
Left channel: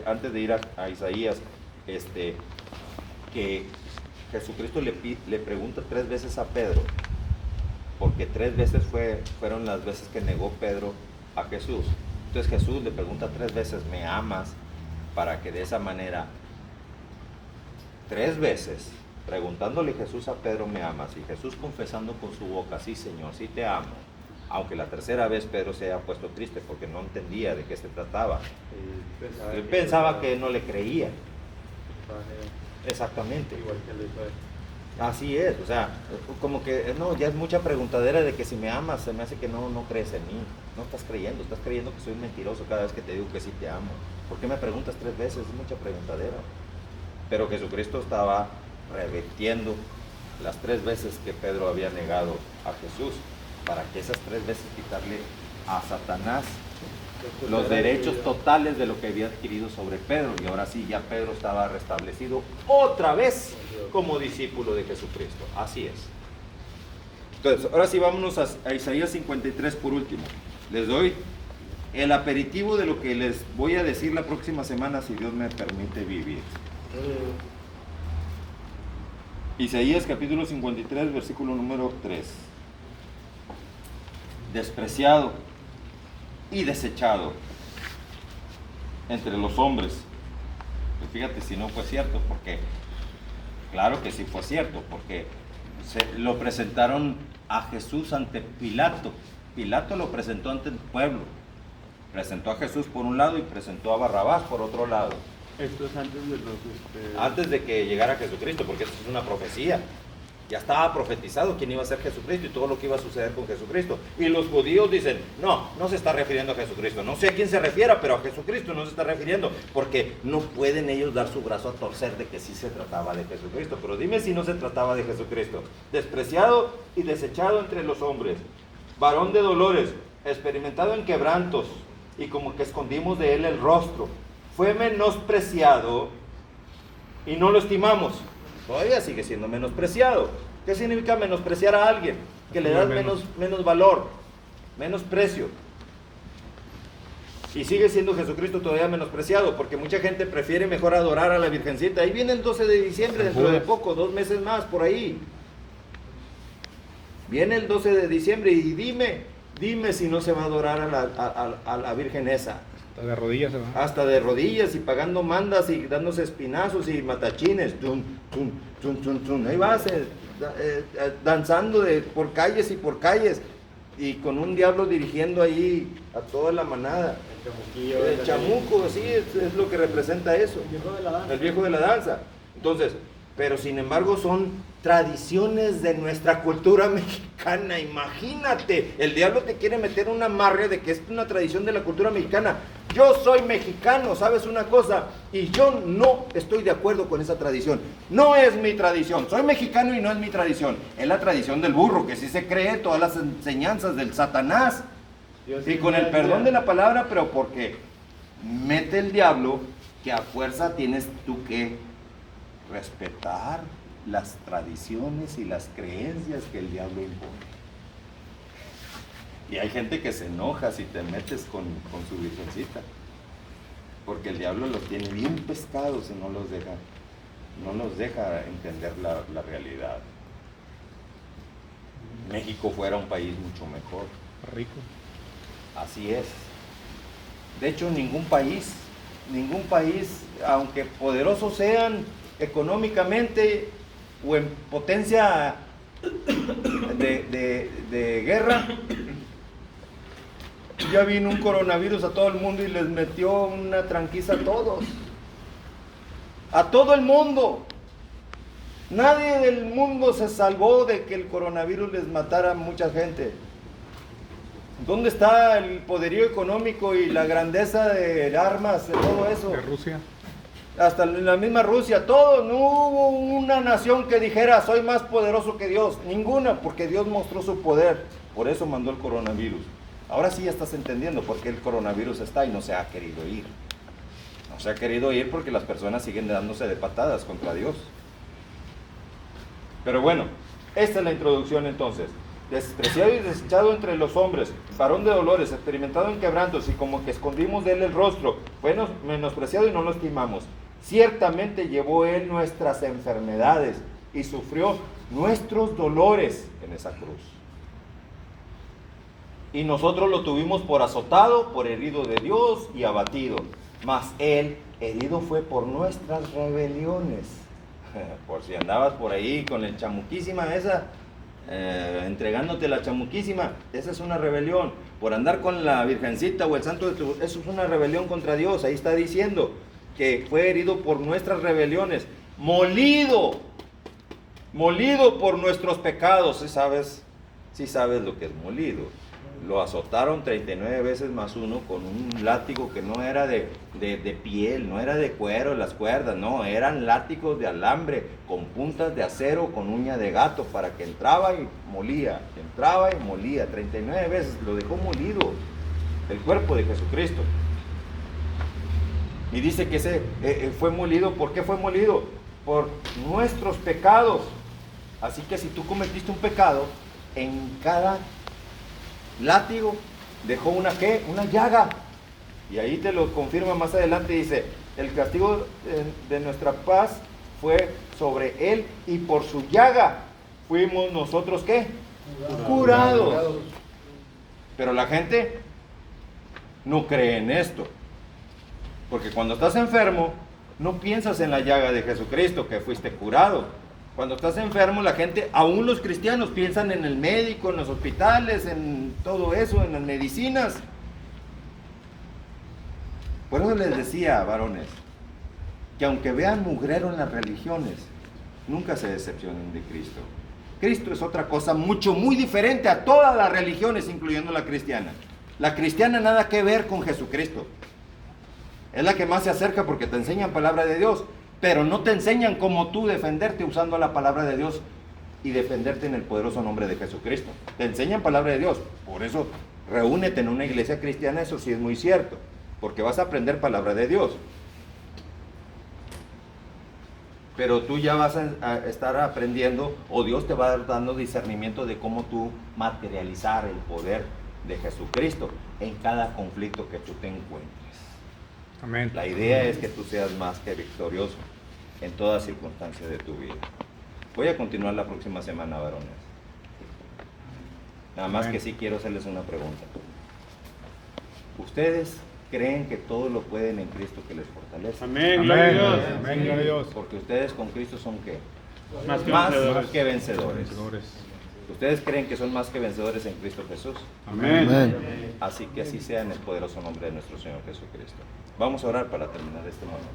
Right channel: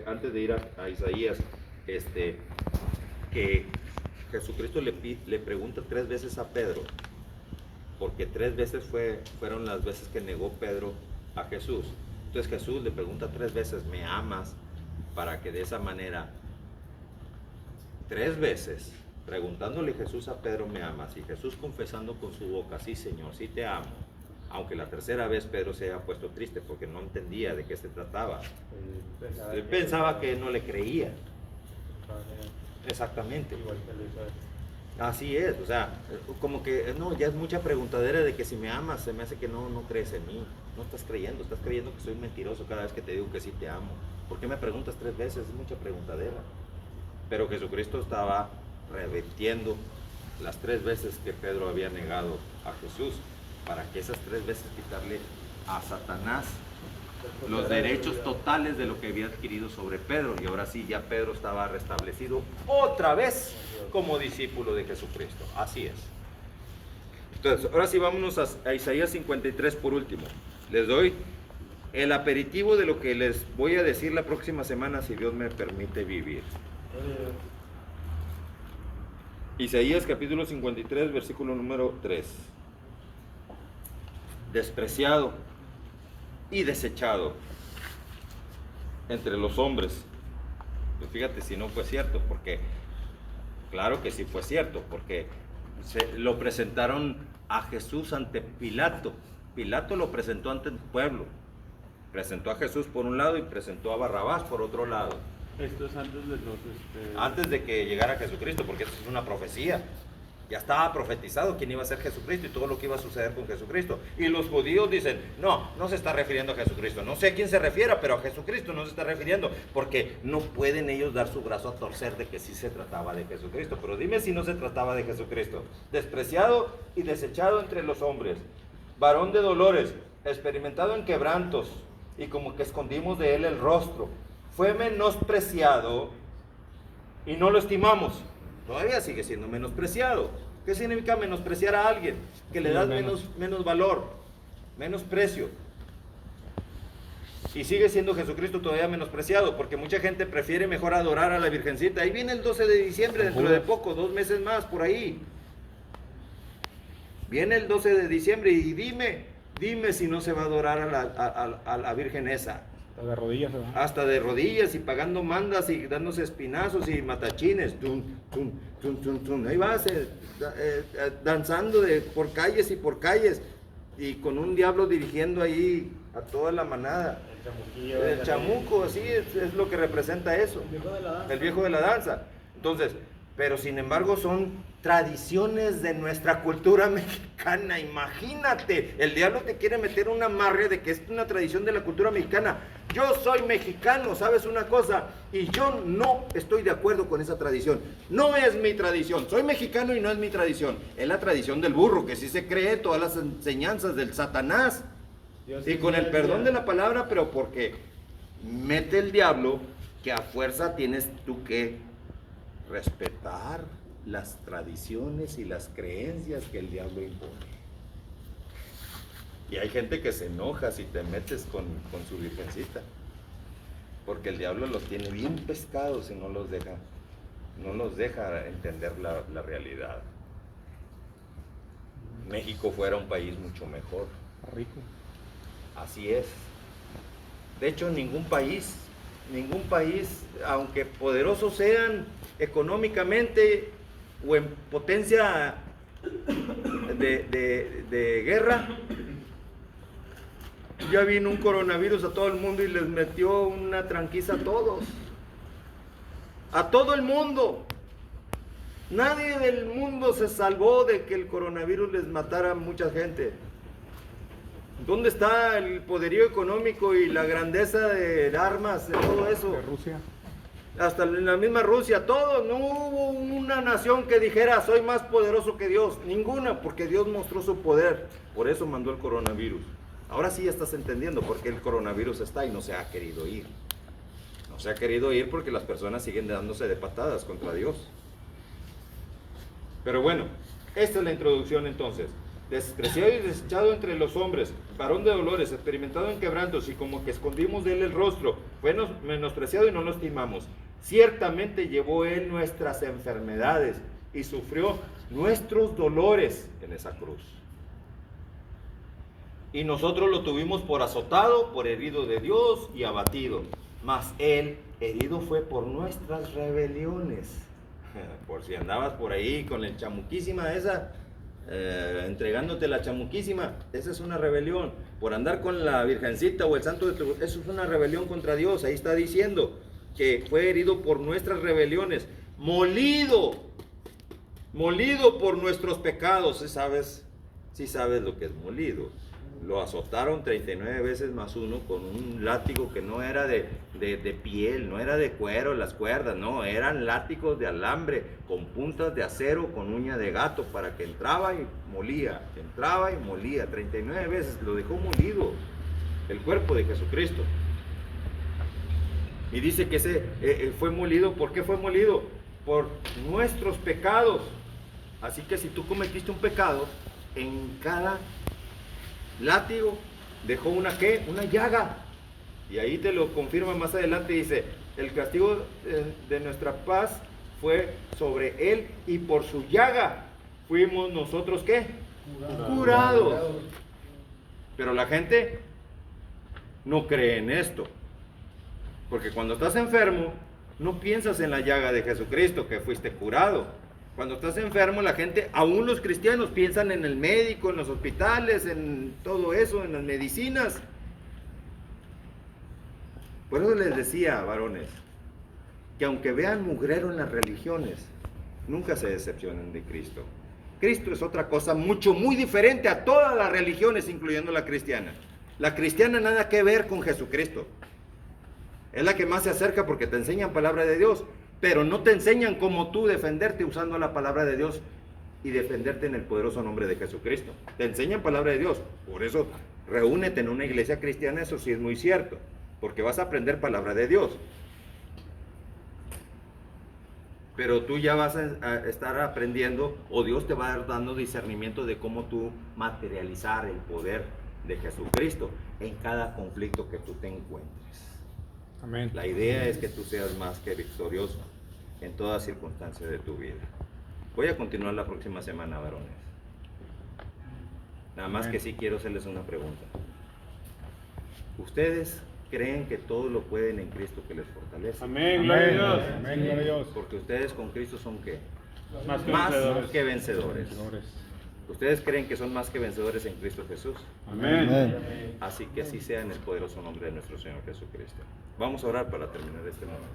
antes de ir a Isaías, que Jesucristo le pregunta 3 veces a Pedro, porque 3 veces fueron las veces que negó Pedro a Jesús. Entonces Jesús le pregunta 3 veces, ¿me amas? Para que de esa manera, 3 veces, preguntándole Jesús a Pedro, ¿me amas? Y Jesús confesando con su boca, sí Señor, sí te amo. Aunque la 3ª vez Pedro se haya puesto triste porque no entendía de qué se trataba. Él pensaba que no le creía. Exactamente. Igual que le hizo a él. Así es, o sea, como que no, ya es mucha preguntadera de que si me amas, se me hace que no crees en mí. No estás creyendo que soy mentiroso cada vez que te digo que sí te amo. ¿Por qué me preguntas 3 veces? Es mucha preguntadera. Pero Jesucristo estaba revirtiendo las 3 veces que Pedro había negado a Jesús, para que esas 3 veces quitarle a Satanás los derechos totales de lo que había adquirido sobre Pedro. Y ahora sí, ya Pedro estaba restablecido otra vez como discípulo de Jesucristo. Así es. Entonces, ahora sí vámonos a Isaías 53 por último. Les doy el aperitivo de lo que les voy a decir la próxima semana, si Dios me permite vivir. Isaías capítulo 53, versículo número 3. Despreciado y desechado entre los hombres. Pues fíjate si no fue cierto, porque claro que sí fue cierto, porque lo presentaron a Jesús ante Pilato. Pilato lo presentó ante el pueblo. Presentó a Jesús por un lado y presentó a Barrabás por otro lado. Esto es antes de Antes de que llegara Jesucristo, porque esto es una profecía. Ya estaba profetizado quién iba a ser Jesucristo y todo lo que iba a suceder con Jesucristo. Y los judíos dicen, no se está refiriendo a Jesucristo. No sé a quién se refiera, pero a Jesucristo no se está refiriendo, porque no pueden ellos dar su brazo a torcer de que sí se trataba de Jesucristo. Pero dime si no se trataba de Jesucristo. Despreciado y desechado entre los hombres, varón de dolores, experimentado en quebrantos, y como que escondimos de él el rostro. Fue menospreciado y no lo estimamos. Todavía sigue siendo menospreciado. ¿Qué significa menospreciar a alguien? Que le das menos valor, menos precio. Y sigue siendo Jesucristo todavía menospreciado, porque mucha gente prefiere mejor adorar a la Virgencita. Ahí viene el 12 de diciembre, dentro de poco, 2 meses más, por ahí. Viene el 12 de diciembre y dime si no se va a adorar a la Virgen esa. Hasta de rodillas se va. Hasta de rodillas y pagando mandas y dándose espinazos y matachines. Tum, tum, tum, tum, tum. Ahí vas danzando por calles y por calles. Y con un diablo dirigiendo ahí a toda la manada. El chamuco, sí, es lo que representa eso. El viejo de la danza. El viejo de la danza. Entonces, pero sin embargo son tradiciones de nuestra cultura mexicana. Imagínate, el diablo te quiere meter un amarre de que es una tradición de la cultura mexicana. Yo soy mexicano, ¿sabes una cosa? Y yo no estoy de acuerdo con esa tradición. No es mi tradición. Soy mexicano y no es mi tradición. Es la tradición del burro, que sí se cree todas las enseñanzas del Satanás. Y con el perdón de la palabra, pero porque mete el diablo que a fuerza tienes tú que respetar las tradiciones y las creencias que el diablo impone. Y hay gente que se enoja si te metes con su virgencita, porque el diablo los tiene bien pescados y no los deja entender la realidad. México fuera un país mucho mejor. Rico. Así es. De hecho, ningún país, aunque poderosos sean económicamente o en potencia de guerra, ya vino un coronavirus a todo el mundo y les metió una tranquiza a todos. A todo el mundo. Nadie del mundo se salvó de que el coronavirus les matara a mucha gente. ¿Dónde está el poderío económico y la grandeza de armas, de todo eso? De Rusia. Hasta la misma Rusia, todo, no hubo una nación que dijera soy más poderoso que Dios, ninguna, porque Dios mostró su poder, por eso mandó el coronavirus. Ahora sí ya estás entendiendo por qué el coronavirus está y no se ha querido ir. No se ha querido ir porque las personas siguen dándose de patadas contra Dios. Pero bueno, esta es la introducción entonces. Despreciado y desechado entre los hombres, varón de dolores, experimentado en quebrantos, y como que escondimos de él el rostro, fue menospreciado y no lo estimamos. Ciertamente llevó él nuestras enfermedades y sufrió nuestros dolores en esa cruz. Y nosotros lo tuvimos por azotado, por herido de Dios y abatido. Mas él herido fue por nuestras rebeliones. Por si andabas por ahí con el chamuquísima esa, entregándote la chamuquísima, esa es una rebelión. Por andar con la virgencita o el santo de tu, eso es una rebelión contra Dios. Ahí está diciendo que fue herido por nuestras rebeliones, molido por nuestros pecados. Sí sabes lo que es molido. Lo azotaron 39 veces más uno con un látigo que no era de piel, no era de cuero, las cuerdas, no, eran látigos de alambre con puntas de acero con uña de gato, para que entraba y molía, 39 veces lo dejó molido el cuerpo de Jesucristo. Y dice que fue molido. ¿Por qué fue molido? Por nuestros pecados. Así que si tú cometiste un pecado, en cada látigo dejó una llaga. Y ahí te lo confirma más adelante, dice, el castigo de nuestra paz fue sobre él, y por su llaga fuimos nosotros ¿qué? Curados. Pero la gente no cree en esto, porque cuando estás enfermo no piensas en la llaga de Jesucristo, que fuiste curado. Cuando estás enfermo, la gente, aún los cristianos, piensan en el médico, en los hospitales, en todo eso, en las medicinas. Por eso les decía, varones, que aunque vean mugrero en las religiones, nunca se decepcionen de Cristo. Cristo es otra cosa muy diferente a todas las religiones, incluyendo la cristiana. La cristiana nada que ver con Jesucristo. Es la que más se acerca porque te enseñan palabra de Dios, pero no te enseñan cómo tú defenderte usando la palabra de Dios y defenderte en el poderoso nombre de Jesucristo. Te enseñan palabra de Dios. Por eso, reúnete en una iglesia cristiana, eso sí es muy cierto, porque vas a aprender palabra de Dios. Pero tú ya vas a estar aprendiendo, o Dios te va a dar dando discernimiento de cómo tú materializar el poder de Jesucristo en cada conflicto que tú te encuentres. Amén. La idea es que tú seas más que victorioso en todas circunstancias de tu vida. Voy a continuar la próxima semana, varones. Nada más que sí quiero hacerles una pregunta. ¿Ustedes creen que todo lo pueden en Cristo que les fortalece? Amén, gloria a Dios. Amén, gloria a Dios. Porque ustedes con Cristo son ¿qué? Más que Más vencedores. que vencedores. Vencedores. ¿Ustedes creen que son más que vencedores en Cristo Jesús? Amén. Así que así sea en el poderoso nombre de nuestro Señor Jesucristo. Vamos a orar para terminar este momento.